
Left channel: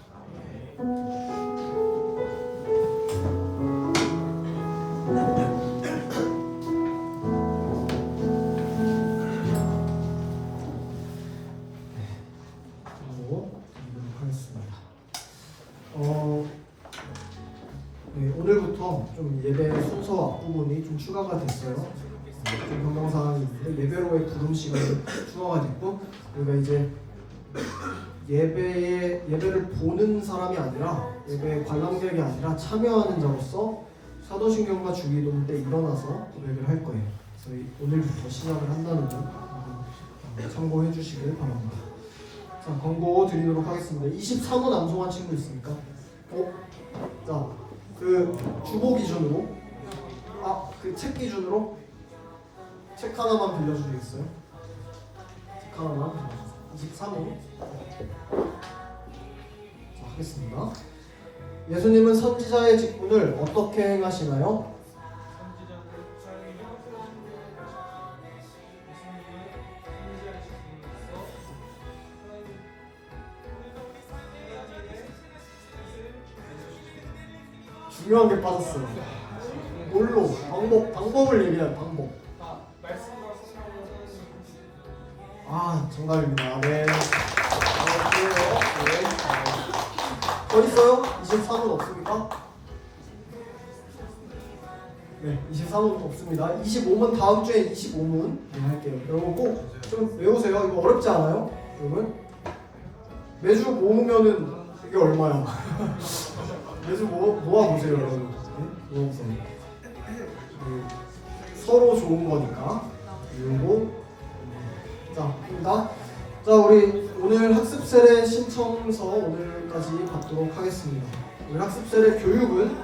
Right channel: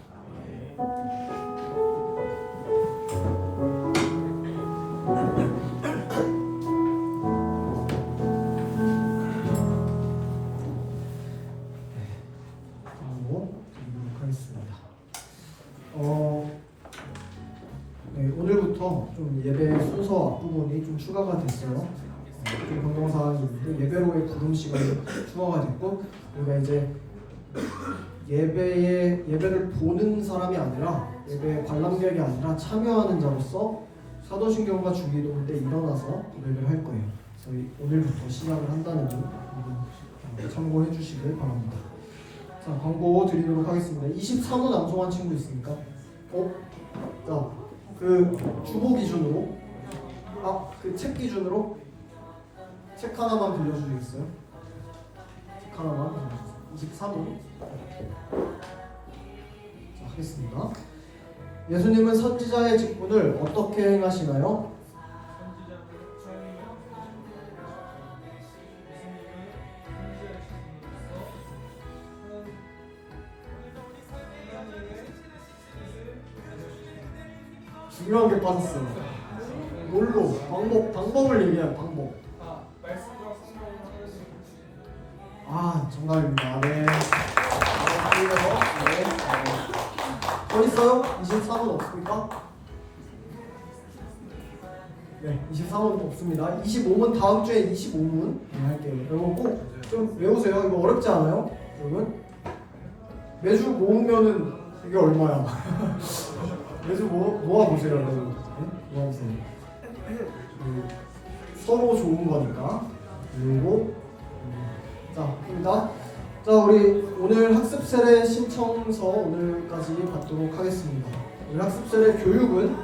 드리도록 하겠습니다. 네, 오늘부터 좀 예배 순서 앞부분이 좀 추가가 됐어요. 좀 변경사항이 있는데 예배로의 부름 시간이 추가가 됐고, 우리가 이제 예배를 보는 사람이 아니라 예배의 관람객이 아니라 참여하는 자로서 사도신경과 주기도문 때 일어나서 고백을 할 거예요. 저희 오늘부터 시작을 한다는 점 참고해 주시길 바랍니다. 자, 광고 드리도록 하겠습니다. 23호 남송한 친구 있습니까? 자, 그 주보 기준으로, 그 책 기준으로 책 하나만 빌려주시겠어요? 책 하나만 빌려주세요. 23호. 자, 하겠습니다. 예수님은 선지자의 직분을 어떻게 행하시나요? 중요한 게 빠졌어요. 뭘로? 방법을 얘기한 방법. 정답입니다. 네. 어디 있어요? 23은 없습니까? 네, 23은 없습니다. 25문 다음 주에 25문 할게요. 여러분 꼭 좀 외우세요. 이거 어렵지 않아요? 여러분 매주 모으면은 이게 얼마야? 매주 모아보세요, 여러분. 네? 모아보세요. 서로 좋은 거니까. 그리고 자, 입니다. 자, 우리 오늘 학습 세례 신청서 오늘까지 받도록 하겠습니다. 우리 학습 세례 교육은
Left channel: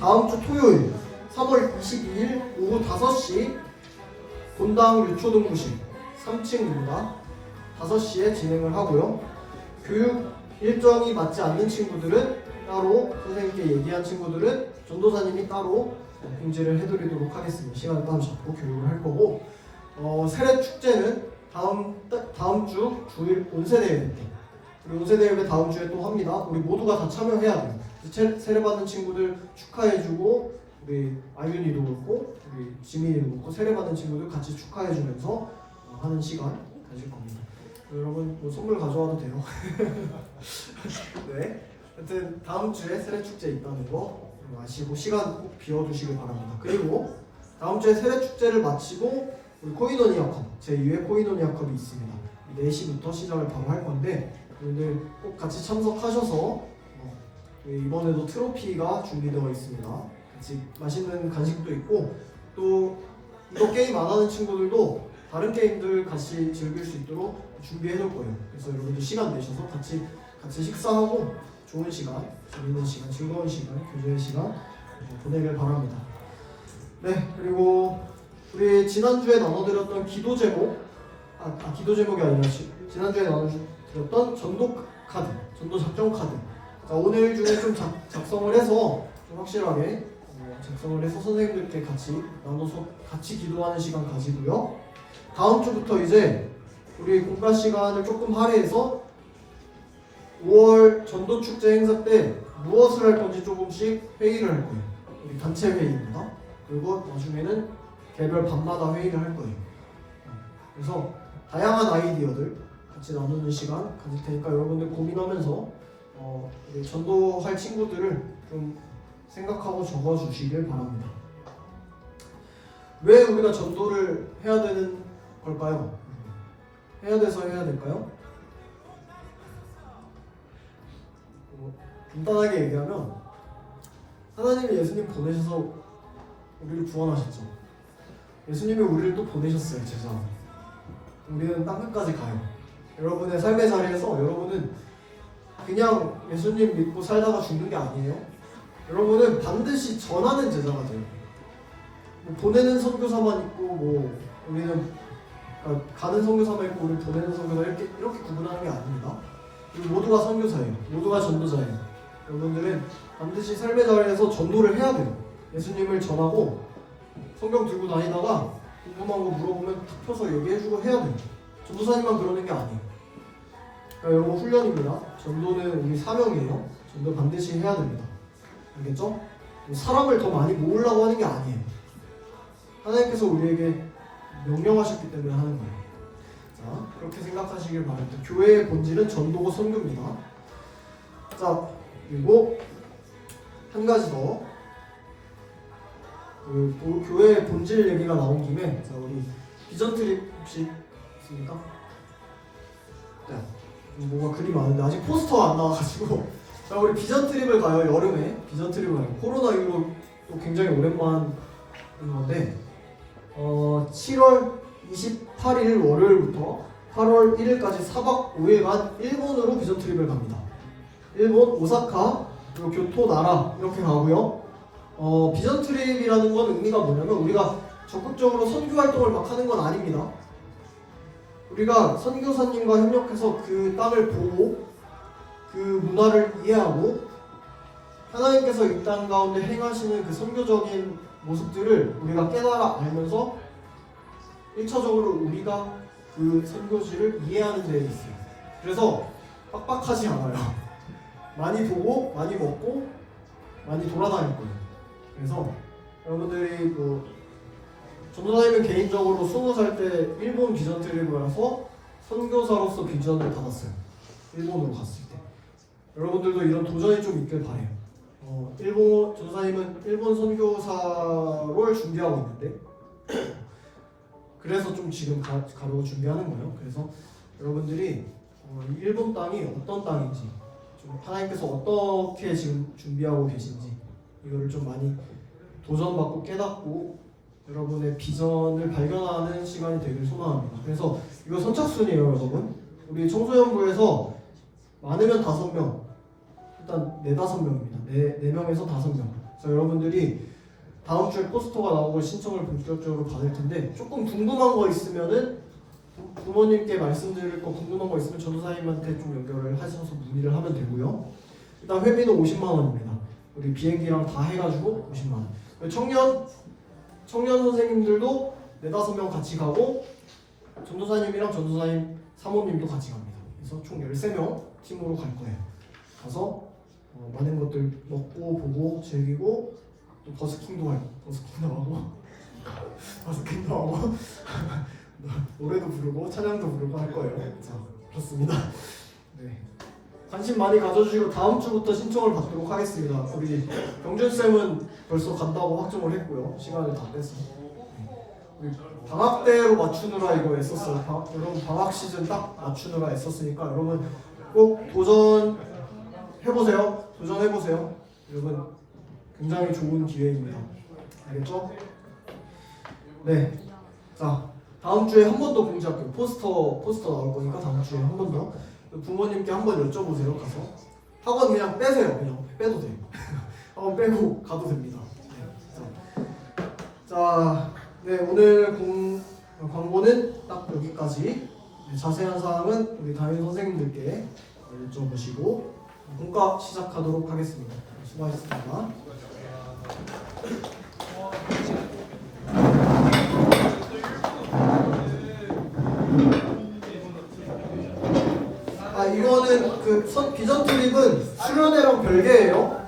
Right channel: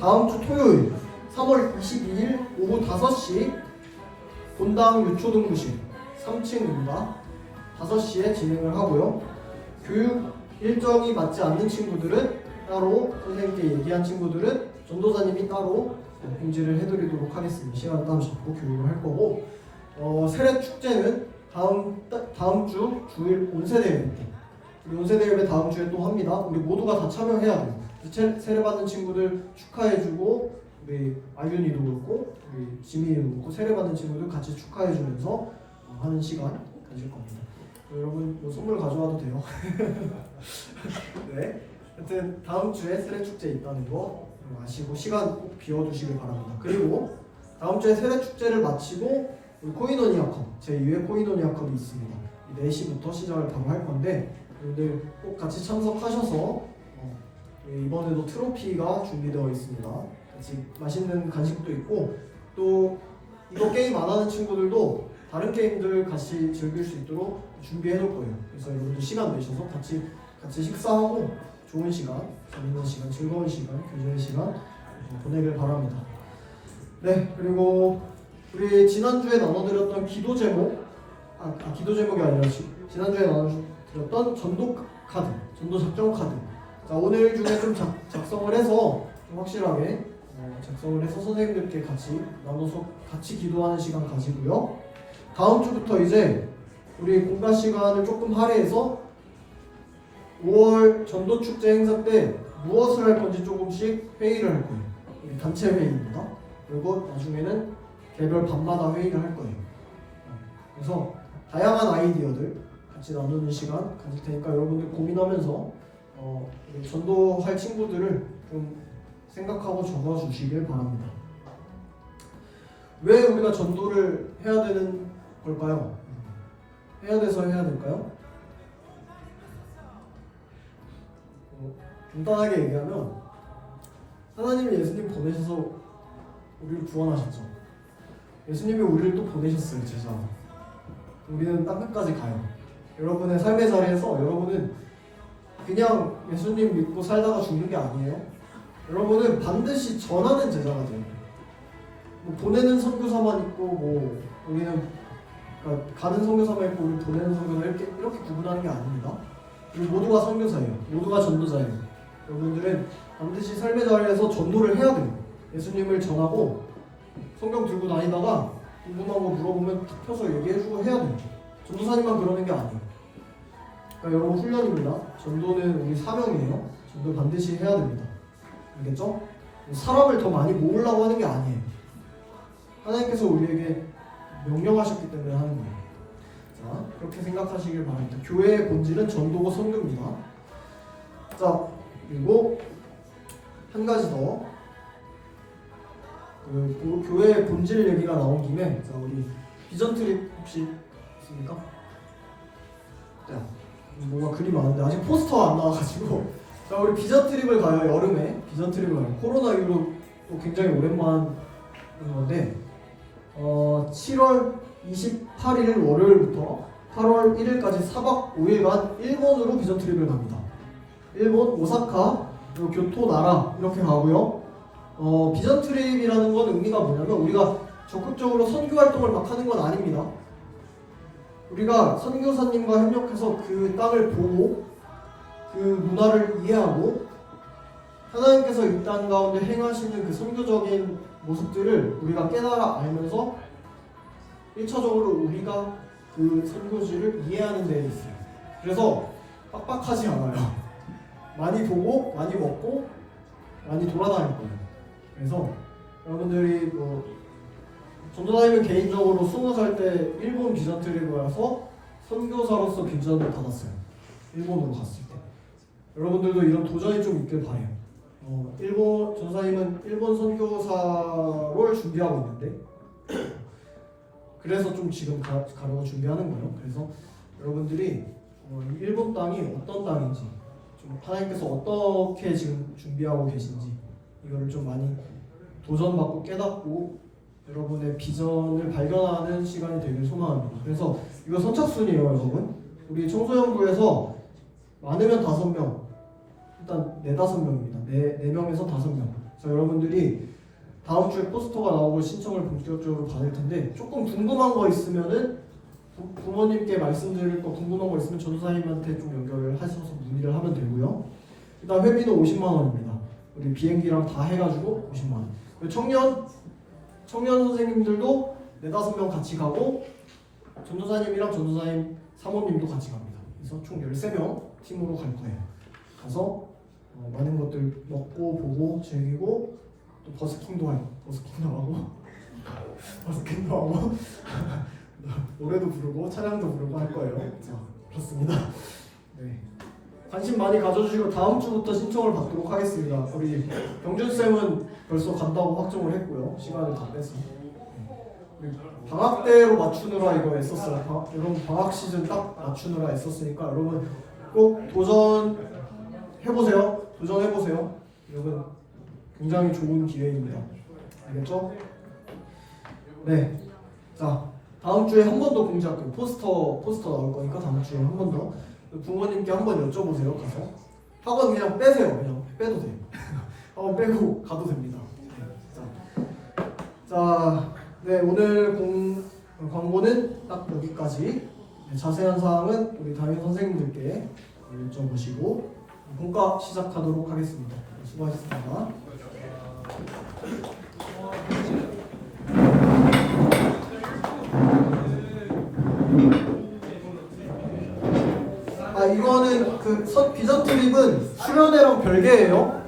다음 주 토요일 3월 22일 오후 5시 본당 유초등부실 3층입니다. 5시에 진행을 하고요. 교육 일정이 맞지 않는 친구들은 따로, 선생님께 얘기한 친구들은 전도사님이 따로 공지를 해드리도록 하겠습니다. 시간을 따로 잡고 교육을 할 거고, 세례 축제는 다음 주 주일 온세대 예배 때, 우리 온세대 예배 다음 주에 또 합니다. 우리 모두가 다 참여해야 돼요. 세례 받은 친구들 축하해주고, 우리 아윤이도 그렇고 우리 지민이도 그렇고 세례 받은 친구들 같이 축하해주면서 하는 시간 가질 겁니다. 여러분 선물 가져와도 돼요. 네. 하여튼 다음 주에 세례 축제 있다는 거 아시고 시간 꼭 비워두시길 바랍니다. 그리고 다음 주에 세례 축제를 마치고 우리 코이노니아 컵 제2회 코이노니아 컵이 있습니다. 4시부터 시작을 바로 할 건데 여러분들 꼭 같이 참석하셔서 이번에도 트로피가 준비되어 있습니다. 같이 맛있는 간식도 있고 또 이거 게임 안 하는 친구들도 다른 게임들 같이 즐길 수 있도록 준비해 놓을 거예요. 그래서 여러분들 시간 내셔서 같이 식사하고 좋은 시간, 재밌는 시간, 즐거운 시간, 교제의 시간 보내길 바랍니다. 네, 그리고 우리 지난주에 나눠드렸던 기도 제목, 기도 제목이 아니라 지난주에 나눠드렸던 전도 카드, 전도 작전 카드. 자, 오늘 중에 좀 작성을 해서 좀 확실하게 작성을 해서 선생님들께 같이 나눠서 같이 기도하는 시간 가지고요. 다음 주부터 이제 우리 공과 시간을 조금 할애해서 5월 전도축제 행사 때 무엇을 할 건지 조금씩 회의를 할 거예요. 우리 단체 회의입니다. 그리고 나중에는 개별 밤마다 회의를 할 거예요. 그래서 다양한 아이디어들 같이 나누는 시간 가질 테니까 여러분들 고민하면서 우리 전도할 친구들을 좀 생각하고 적어주시길 바랍니다. 왜 우리가 전도를 해야 되는 걸까요? 해야 돼서 해야 될까요? 간단하게 얘기하면 하나님이 예수님 보내셔서 우리를 구원하셨죠. 예수님이 우리를 또 보내셨어요. 제자. 우리는 땅끝까지 가요. 여러분의 삶의 자리에서 여러분은 그냥 예수님 믿고 살다가 죽는 게 아니에요. 여러분은 반드시 전하는 제자가 돼요. 뭐 보내는 선교사만 있고 뭐 우리는 그러니까 가는 선교사만 있고 우리 보내는 선교사 이렇게 구분하는 게 아닙니다. 그리고 모두가 선교사예요. 모두가 전도자예요. 여러분들은 반드시 삶의 자리에서 전도를 해야 돼요. 예수님을 전하고 성경 들고 다니다가 궁금한 거 물어보면 탁 펴서 얘기해주고 해야 돼요. 전도사님만 그러는 게 아니에요. 그러니까 여러분 훈련입니다. 전도는 우리 사명이에요. 전도 반드시 해야 됩니다. 알겠죠? 사람을 더 많이 모으려고 하는 게 아니에요. 하나님께서 우리에게 명령하셨기 때문에 하는 거예요. 자, 그렇게 생각하시길 바랍니다. 교회의 본질은 전도고 선교입니다. 자, 그리고 한 가지 더. 교회의 본질 얘기가 나온 김에 자, 우리 비전 트립 혹시 있습니까? 네. 뭐가 그리 많은데 아직 포스터가 안 나와가지고 자, 우리 비전 트립을 가요. 여름에 비전 트립을 가요. 코로나 이후로 또 굉장히 오랜만인 건데 7월 28일 월요일부터 8월 1일까지 4박 5일간 일본으로 비전 트립을 갑니다. 일본 오사카 그리고 교토 나라 이렇게 가고요. 비전 트립이라는 건 의미가 뭐냐면 우리가 적극적으로 선교 활동을 막 하는 건 아닙니다. 우리가 선교사님과 협력해서 그 땅을 보고 그 문화를 이해하고 하나님께서 이 땅 가운데 행하시는 그 선교적인 모습들을 우리가 깨달아 알면서 1차적으로 우리가 그 선교지를 이해하는 데에 있어요. 그래서 빡빡하지 않아요. 많이 보고 많이 먹고 많이 돌아다닐 거예요. 그래서 여러분들이 전도사님은 개인적으로 20살 때 일본 비전 트립을 가서 선교사로서 비전을 받았어요. 일본으로 갔을 때. 여러분들도 이런 도전이 좀 있길 바래요. 전도사님은 일본 선교사를 준비하고 있는데 그래서 좀 지금 가려고 준비하는 거예요. 그래서 여러분들이 일본 땅이 어떤 땅인지 좀 하나님께서 어떻게 지금 준비하고 계신지 이거를 좀 많이 도전받고 깨닫고 여러분의 비전을 발견하는 시간이 되길 소망합니다. 그래서 이거 선착순이에요, 여러분. 우리 청소년부에서 많으면 5명, 일단 4-5명입니다. 4명에서 5명. 그래서 여러분들이 다음 주에 포스터가 나오고 신청을 본격적으로 받을 텐데 조금 궁금한 거 있으면은 부모님께 말씀드릴 거 궁금한 거 있으면 전도사님한테 좀 연결을 하셔서 문의를 하면 되고요. 일단 회비는 50만 원입니다. 우리 비행기랑 다 해가지고 50만 원. 청년 선생님들도 4-5명 같이 가고 전도사님이랑 전도사님 사모님도 같이 갑니다. 그래서 총 13명 팀으로 갈 거예요. 가서 많은 것들 먹고 보고 즐기고 또 버스킹도 하고 버스킹도 하고 노래도 부르고 찬양도 부르고 할 거예요. 자, 그렇습니다. 네. 관심 많이 가져주시고 다음 주부터 신청을 받도록 하겠습니다. 우리 병준 쌤은 벌써 간다고 확정을 했고요. 시간을 다 빼서. 우리 방학 때로 맞추느라 이거 애썼어요. 여러분 방학 시즌 딱 맞추느라 애썼으니까 여러분 꼭 도전해보세요. 도전해보세요. 여러분 굉장히 좋은 기회입니다. 알겠죠? 네. 자, 다음 주에 한 번 더 공지할게요. 포스터 나올 거니까 다음 주에 한 번 더. 부모님께 한번 여쭤보세요. 가서 학원 그냥 빼세요. 그냥 빼도 돼요. 학원 빼고 가도 됩니다. 네. 자, 네, 오늘 광고는 딱 여기까지. 네, 자세한 사항은 우리 담임 선생님들께 여쭤보시고 본과 시작하도록 하겠습니다. 수고하셨습니다. 이거는 비전 트립은 수련회랑 별개예요.